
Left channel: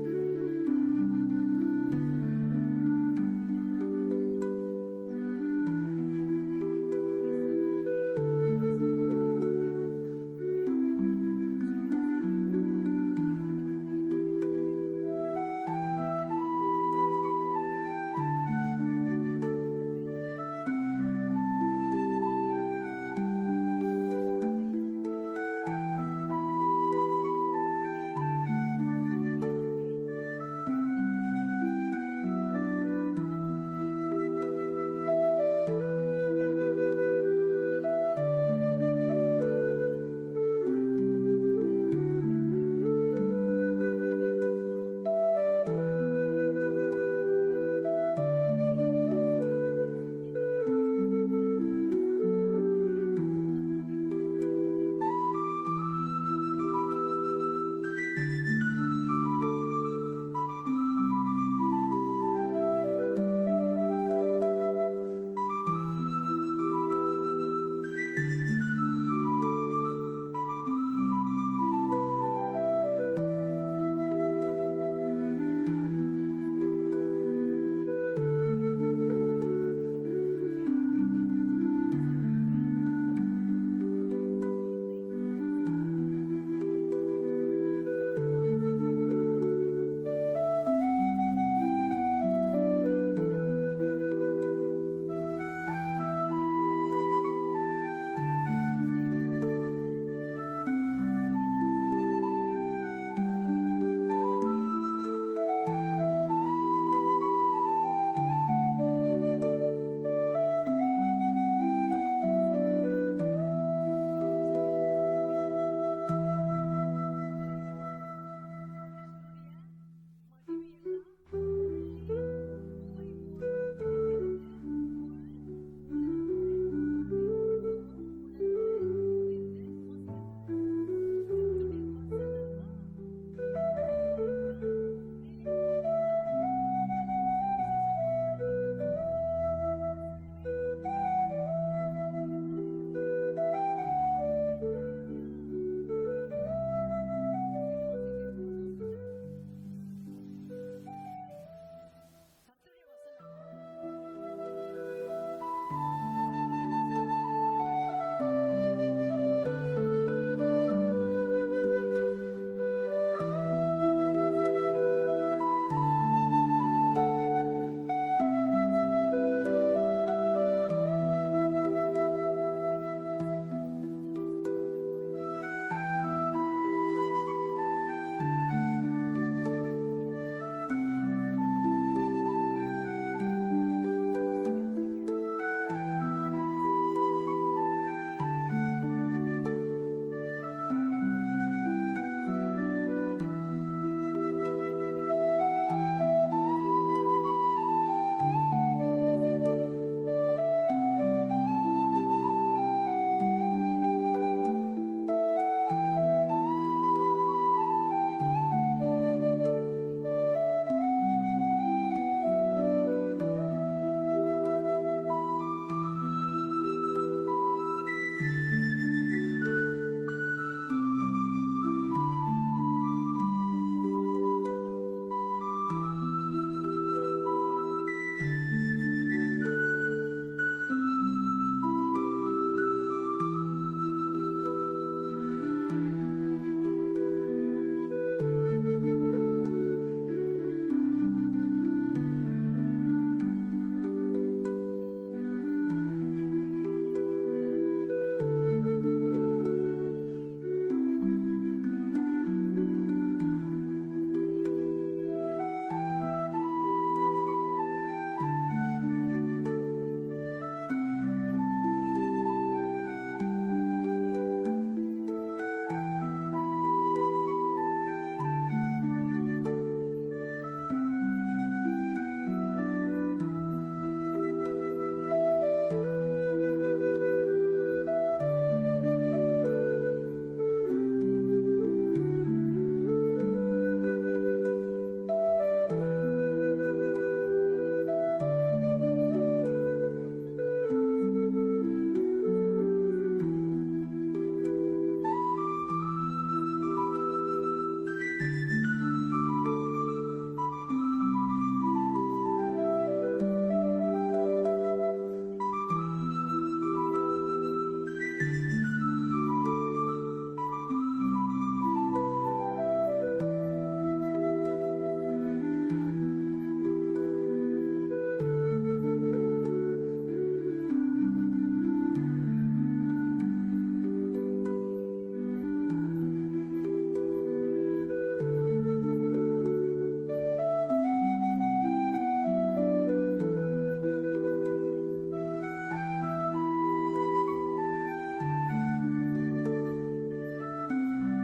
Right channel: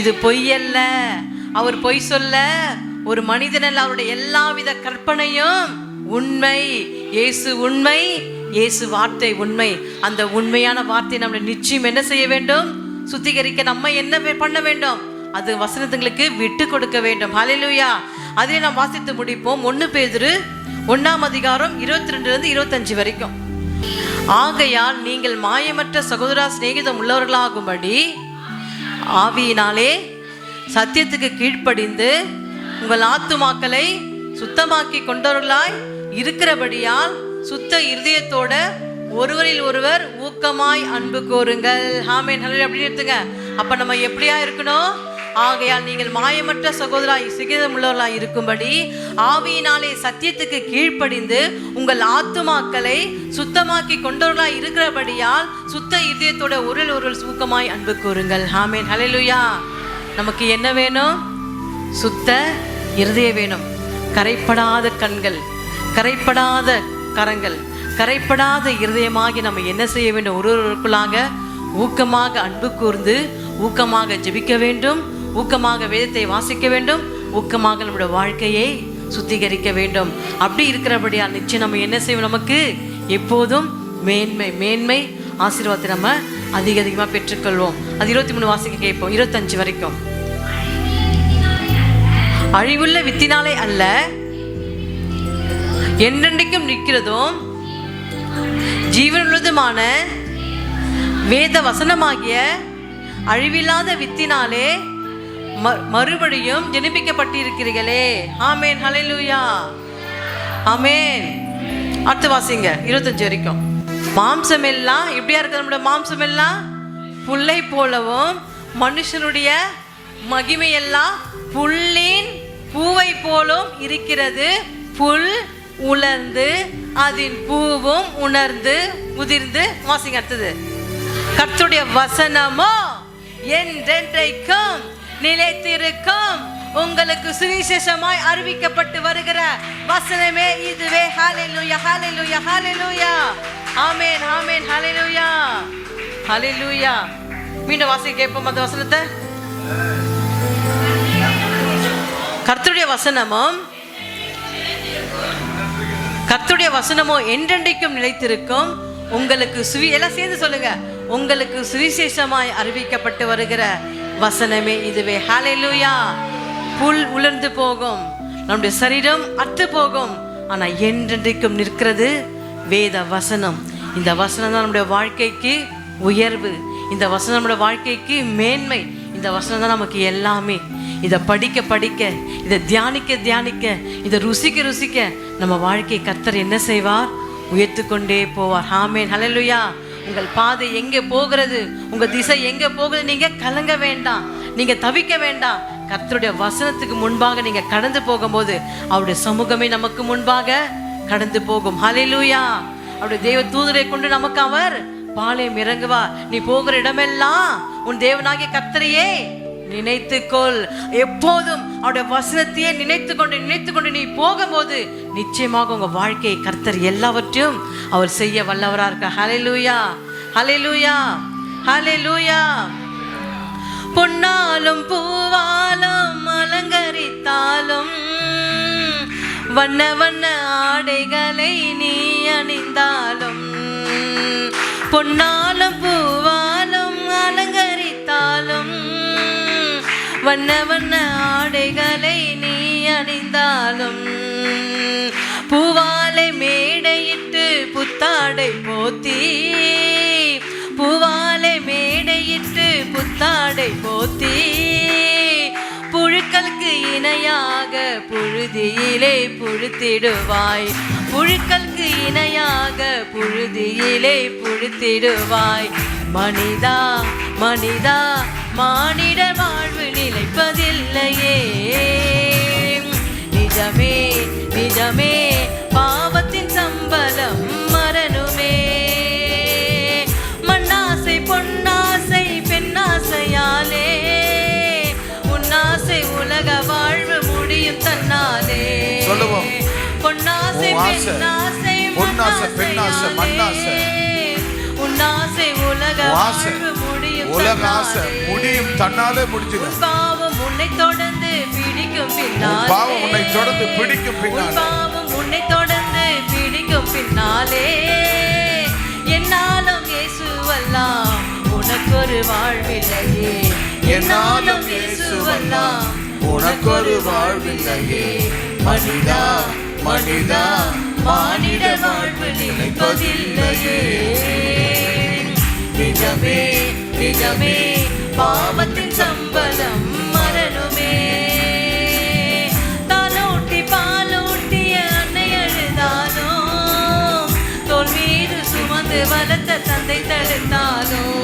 இது பொய்யல்ல. அவர் பொய் சொல்ல ஒரு மனிதனல்ல, அவருடைய எல்லாவித கற்பனையும் உண்மை. இயேசு உண்மை, இயேசு வார்த்தை உண்மை. அந்த உண்மையான வார்த்தை நம்மளை நிச்சயம் என்ன செய்ய வேண்டும்? சுத்திகரிக்க நம்ம என்ன பண்ண வேண்டும்? அது வசனத்துங்களுக்கு விட்டு கொடுக்க வேண்டும். ஹல்லேலூயா. அதை நாம் வாசித்து முடிப்போம். 1 பேதுரு 1ஆம் அதிகாரம் 22 25 வரைக்கும். ஆகையால் நீங்கள் மாயமற்ற சகோதர சிநேகிதம் உள்ளவர்களாகும்படி ஆவியினாலே சத்தியத்துக்கு கீழ்ப்படிந்து உங்கள் ஆத்துமாக்களை சுத்தமாக்கி கொண்டவர்களாய் இருக்கிறபடியால் சுத்த இருதயத்தோட ஒருவரில் ஒருவர் ஊக்கமாய் அன்பு கூறுங்கள். ஆமென். ஹல்லேலூயா. அப்படி எடுத்துங்க. அப்ப நம்ம எப்படியா இருக்கணும்? ஆகையால் நீங்கள் மாயமற்ற சகோதராய் சிகிதம் உள்ளவர்களாய் இருக்கும்படி ஆவியினாலே சத்தியத்துக்கு கீழ்ப்படிந்து உங்கள் ஆத்துமாக்களை சுத்தமாக்கி கொண்டவர்களாய் இருக்கிறபடியால் சுத்த இதயத்தோட ஒருவர் ஊக்கமாய் அன்பு கூறுங்கள். ஆமென். ஹல்லேலூயா. நமக்கு என்ன வேணும்? சுத்த இருதயம் வேணும். கரைப்படாத கண்கள், கரைப்படாத கரங்கள், கரைப்படாத இருதயமாகி நம்ம என்ன செய்ய வேண்டும்? ஒருவருக்குள்ளாக ஊக்கமாக அன்பு கூர்ந்து ஊக்கமாக ஜெபிக்க வேண்டும், ஊக்கமாக வேதத்தை வாசிக்க வேண்டும், ஊக்கமாக நம்முடைய வாழ்க்கையை சுத்திகரிக்க வேண்டும். அப்படி இருக்கிறபடியா நிச்சயம் நம்ம என்ன செய்வோம்? நமக்கு எப்போதும் மேன்மை ஆசீர்வாதத்தை நம்ம அதிகமாக பெற்றுக்கொள்வோம். அது 23 வாசிக்க கேட்போம். 25 வரைக்கும். அழிவுள்ள வித்தினாலே அல்ல, என்றென்றைக்கும் நிற்கிறதும் ஜீவனுள்ளதுமான வேத வசனமாகிய அழிவில்லாத வித்தினாலே மறுபடியும் ஜெனிப்பிக்கப்பட்டிருக்கிறீர்களே. ஆமென். ஹல்லேலூயா. ஆமென். அடுத்து வாசிங்க 25 வரைக்கும். மாம்சம் எல்லாம் எப்படியா இருக்கு? நம்முடைய மாம்சம் எல்லாம் புல்லை போலவும் மனுஷனுடைய மகிமை எல்லாம் புல்லின் பூவை போலும் இருக்கிறது. புல் உலர்ந்து அதன் பூவும் உணர்ந்து உதிர்ந்து. வாசிங்க அடுத்தது. கர்த்தருடைய வசனமோ என்றென்றைக்கும் நிலைத்திருக்கும். உங்களுக்கு சுவிசேஷமாய் அறிவிக்கப்பட்டு வருகிற வசனமே இதுவே. ஹல்லேலூயா, ஹல்லேலூயா, ஹல்லேலூயா. ஆமென், ஆமென், ஹல்லேலூயா, ஹல்லேலூயா. மீண்டும் வாசிக்க கேட்போம் அந்த வசனத்தை. கர்த்தருடைய வசனமோ என்றென்றைக்கும் நிலைத்திருக்கும். உங்களுக்கு எல்லாம் சேர்ந்து சொல்லுங்க. உங்களுக்கு சுவிசேஷமாய் அறிவிக்கப்பட்டு வருகிற வசனமே இதுவே. ஹல்லேலூயா. புல் உலர்ந்து போகும், நம்முடைய சரீரம் அற்று போகும், ஆனா என்றென்றைக்கும் நிற்கிறது வேத வசனம். இந்த வசனம் தான் நம்முடைய வாழ்க்கைக்கு உயர்வு. இந்த வசனம் நம்முடைய வாழ்க்கைக்கு மேன்மை. இந்த வசனம் தான் நமக்கு எல்லாமே. இதை படிக்க படிக்க, இதை தியானிக்க தியானிக்க, இதை ருசிக்க ருசிக்க நம்ம வாழ்க்கை கர்த்தர் என்ன செய்வார்? உயர்த்து கொண்டே போவார். ஆமென், ஹல்லேலூயா. உங்கள் பாதை எங்கே போகிறது, உங்க திசை எங்கே போகுது, நீங்க கலங்க வேண்டாம், நீங்க தவிக்க வேண்டாம். கர்த்தருடைய வசனத்துக்கு முன்பாக நீங்க கடந்து போகும்போது அவருடைய சமூகமே நமக்கு முன்பாக கடந்து போகும். ஹல்லேலூயா. அவருடைய தேவ தூதரை கொண்டு நமக்கு அவர் பாளையம் இறங்குவார். நீ போகிற இடமெல்லாம் உன் தேவனாகிய கர்த்தரையே நினைத்துக்கொள். எப்போதும் அவருடைய வசனத்தையே நினைத்து கொண்டு நீ போகும்போது நிச்சயமாக உங்க வாழ்க்கையை கர்த்தர் எல்லாவற்றையும் அவர் செய்ய வல்லவரா இருக்க. ஹல்லேலூயா, ஹல்லேலூயா, ஹல்லேலூயா. பொன்னாலும் பூவாலும் அலங்கரித்தாலும், வண்ண வண்ண ஆடைகளை நீ அணிந்தாலும், பொன்னாலும் பூவாலும் அலங்கரித்தாலும், வண்ண வண்ண ஆடைகளை நீ அணிந்தாலும், பூவாலை மேடையிட்டு புத்தாடை போத்தி, பூவாலை மேடையிட்டு புத்தாடை போத்தி, புழுக்களுக்கு இணையாக புழுதியிலே புழுத்திடுவாய், புழுக்களுக்கு இணையாக புழுதியிலே புழுத்திடுவாய். மனிதா மனிதா, மானிட வாழ்வு நிலைப்பதில்லையே. நிஜமே நிஜமே, பாவத்தின் சம்பளம் மரணமே. மண்ணாசை பொன்னாசை பெண்ணாசையாலே, உன்னாசை உலக வாழ்வு முடியும் தன்னாலே. பொன்னாசை பெண்ணாசை மண்ணாசை, உன்னாசை உலக வாழ்வு முடியும் தன்னாலே முடிஞ்சிடும். பாவம் உன்னை தொடர்ந்து பிடிக்கும் பின்னாலே, பாவம் உன்னை தொடர்ந்து பிடிக்கும் பின்னாலே, பாவம் உன்னை தொடர்ந்து பிடிக்கும் பின்னாலே, என்னாலும் இயேசுவெல்லாம் உனக்கொரு வாழ்வில்லையே. என்னாலும் இயேசுவெல்லாம் உனக்கொரு வாழ்வில்லையே. மனிதா மனிதா, மானிட வாழ்வு நிலைப்பதில்லையே. நிஜமே நிஜமே, பாவத்தின் சம்பளம் மரணமே. தாலூட்டி பாலூட்டிய அன்னை அழுதாலும், தோள் மீது சுமந்து வளர்த்த தந்தை தடுத்தாலும்,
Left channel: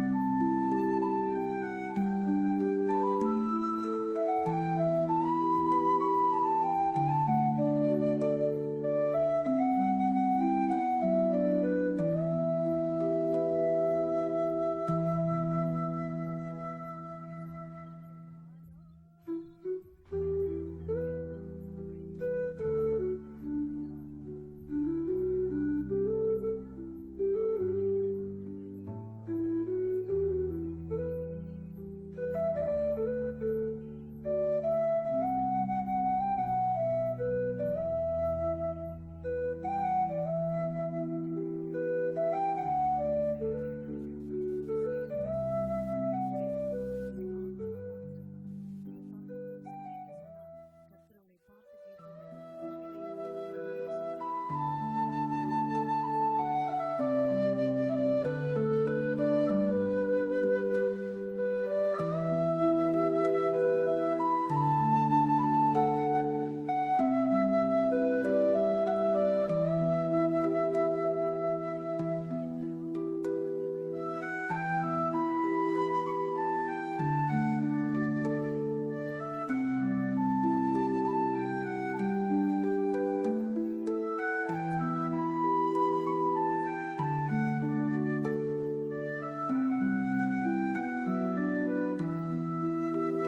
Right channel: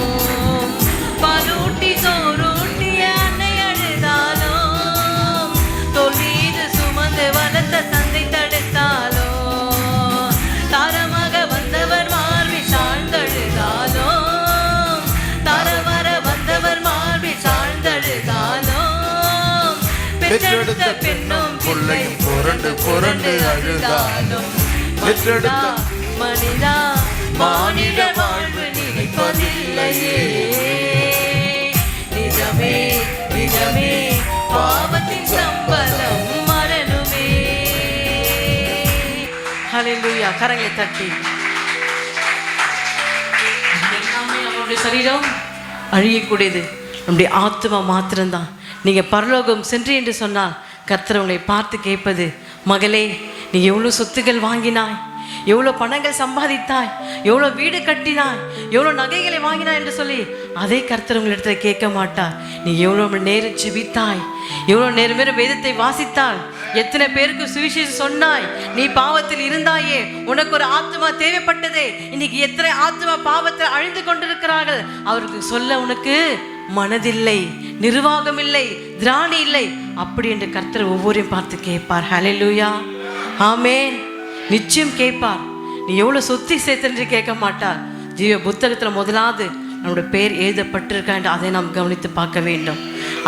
பாலூட்டி சோறூட்டிய அன்னை அழுதாலும், தோள் மீது சுமந்து வளர்த்த தந்தை தடுத்தாலும், தாரமாக வந்தவர் மார்பில் சாழ்ந்தழுதாலும், தாரவர வந்தவர் மார்பில் சாழ்ந்தழுதாலும், பெற்றெடுத்த பெண்ணும் பிள்ளையும் புரண்டு புரண்டு அழுதாலும், மனிதா மனிதா, மானிட வாழ்வு நிலைப்பதில்லையே. நிஜமே நிஜமே, பாவத்தின் சம்பளம் மரணமே. ஹல்லேலூயா. கரங்களை தட்டி. நம்முடைய சரீரம் அழியக்கூடியது, நம்முடைய ஆத்மா மாத்திரம்தான். நீங்க பரலோகம் சென்று என்று சொன்னால் கர்த்தர் உங்களை பார்த்து கேட்பது, மகளே நீ எவ்வளோ சொத்துக்கள் வாங்கினாய், எவ்வளோ பணங்கள் சம்பாதித்தாய், எவ்வளோ வீடு கட்டினாய், எவ்வளோ நகைகளை வாங்கினாய் என்று சொல்லி அதே கர்த்தர் உங்களிடத்துல கேட்க மாட்டார். நீ எவ்வளோ நேரம் ஜெபித்தாய், எவ்வளோ நேரம் வேதத்தை வாசித்தாய், எத்தனை பேருக்கு சுவிசேஷம் சொன்னாய், நீ பாவத்தில் இருந்தாயே, உனக்கு ஒரு ஆத்மா தேவைப்பட்டதே. இன்னைக்கு எத்தனை ஆத்மா பாவத்தில் அழிந்து கொண்டிருக்கிறார்கள், அவருக்கு சொல்ல உனக்கு மனதில்லை, நிர்வாகம் இல்லை, திராணி இல்லை. அப்படி என்று கர்த்தர் ஒவ்வொருவரையும் பார்த்து கேட்பார். ஹல்லேலூயா, ஆமென். நிச்சயம் கேட்பார். நீ எவ்வளவு சொத்தி சேர்த்து கேட்க மாட்டார். ஜீவ புத்தகத்துல முதலாவது நம்முடைய பெயர் எழுதப்பட்டிருக்கா என்று அதை நாம் கவனித்து பார்க்க வேண்டும்.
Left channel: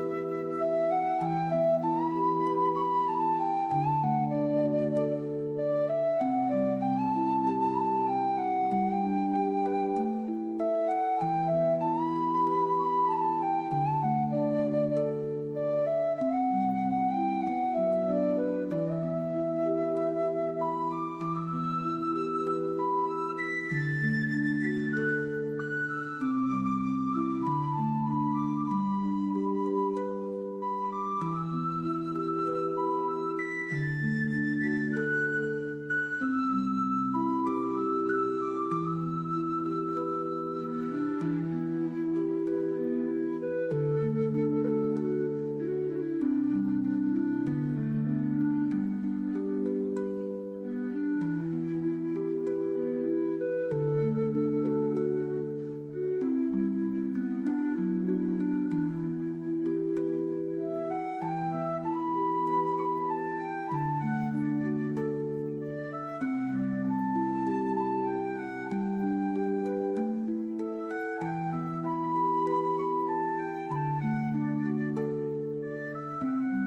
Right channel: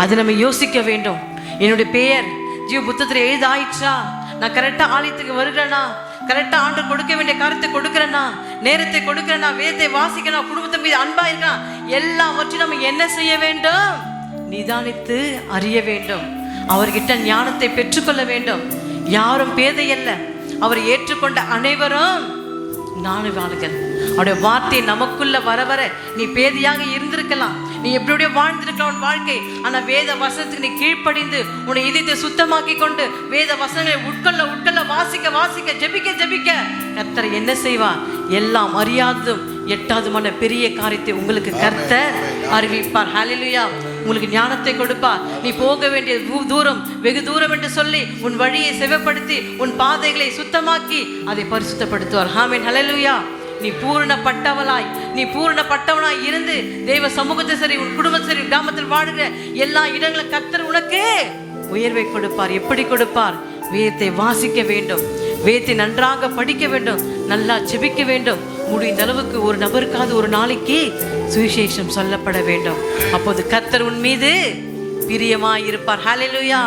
அதை நம்ம யோசிக்க வேண்டும். என்னுடைய பெயர் ஜீவ புத்தகத்தில் எழுதாயிற்றா? நான் கரெக்டாக ஆலயத்துக்கு வருகிறேனா? கரெக்டாக ஆண்டு கொடுக்க வேண்டிய காரியத்தை கொடுக்குறேனா? நேரத்தை கொடுக்குறேனா? வேதத்தை வாசிக்கணும்? குடும்பத்தை மீது அன்பா இருக்கா? எல்லாவற்றையும் நம்ம என்ன செய்ய வேண்டும்? நிதானித்து அறிய வேண்டும். அவர்கிட்ட ஞானத்தை பெற்றுக்கொள்ள வேண்டும். யாரும் பேதை அல்ல, அவர் ஏற்றுக்கொண்ட அனைவரும் ஞானவான்கள். அவருடைய வார்த்தை நமக்குள்ள வர வர நீ பேதையாக இருந்திருக்கலாம், நீ எப்படியோ வாழ்ந்திருக்கலாம் உன் வாழ்க்கை. ஆனா வேத வசனத்துக்கு நீ கீழ்ப்படிந்து உன்னை இதயத்தை சுத்தமாக்கி கொண்டு வேத வசனங்களை உட்கொள்ள வாசிக்க வாசிக்க ஜெபிக்க ஜெபிக்க கர்த்தர் என்ன செய்வார்? எல்லாம் அறியாததும் எட்டாவதுமான பெரிய காரியத்தை உங்களுக்கு கர்த்தர் அறிவிப்பார். ஹல்லேலூயா. உங்களுக்கு ஞானத்தை கொடுப்பார். நீ போக வேண்டிய தூரம் வெகு தூரம் என்று சொல்லி உன் வழியை செவப்படுத்தி உன் பாதைகளை சுத்தமாக்கி அதை பரிசுத்தப்படுத்துவார். ஆமென். ஹல்லேலூயா. நீ பூரணப்பட்டவனாய் இருந்து தெய்வ சமூகத்தை சரி, உன் குடும்பத்தை சரி, கிராமத்தில் வாழுகிற எல்லா இடங்களும் கர்த்தர் உனக்கு உயர்வை கொடுப்பார். எப்படி கொடுப்பார்? வேதத்தை வாசிக்க வேண்டும், வேதத்தை நன்றாக படிக்க வேண்டும், நல்லா ஜெபிக்க வேண்டும். முடிந்த அளவுக்கு ஒரு நபருக்காவது ஒரு நாளைக்கு சுவிசேஷம் சொல்லப்பட வேண்டும். அப்போது கர்த்தர் உன் மீது பிரியமாய் இருப்பார். ஹல்லேலூயா.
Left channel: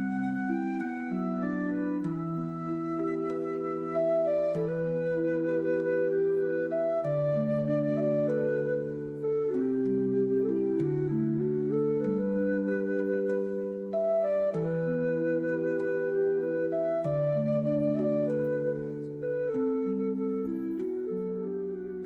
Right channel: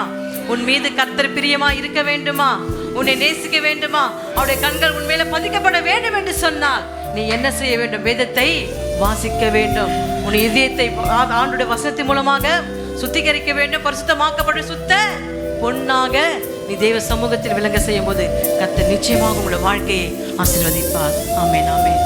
உன் மீது கர்த்தர் பிரியமாய் இருக்க வேண்டுமா? உன்னை நேசிக்க வேண்டுமா? அவருடைய கண்கள் உன் மேல பதிக்கப்பட வேண்டும் என்று சொன்னால் நீ என்ன செய்ய வேண்டும்? வேதத்தை வாசிக்க வேண்டும். உன் இதயத்தை ஆண்டுடைய வசனத்தின் மூலமாக சுத்திகரிக்க வேண்டும். பரிசுத்தமாக்கப்பட்ட சுத்த பொன்னாக நீ தேவ சமூகத்தில் விளங்க செய்யும் போது கர்த்தர் நிச்சயமாக உங்களுடைய வாழ்க்கையை ஆசீர்வதிப்பார். ஆமென், ஆமென்.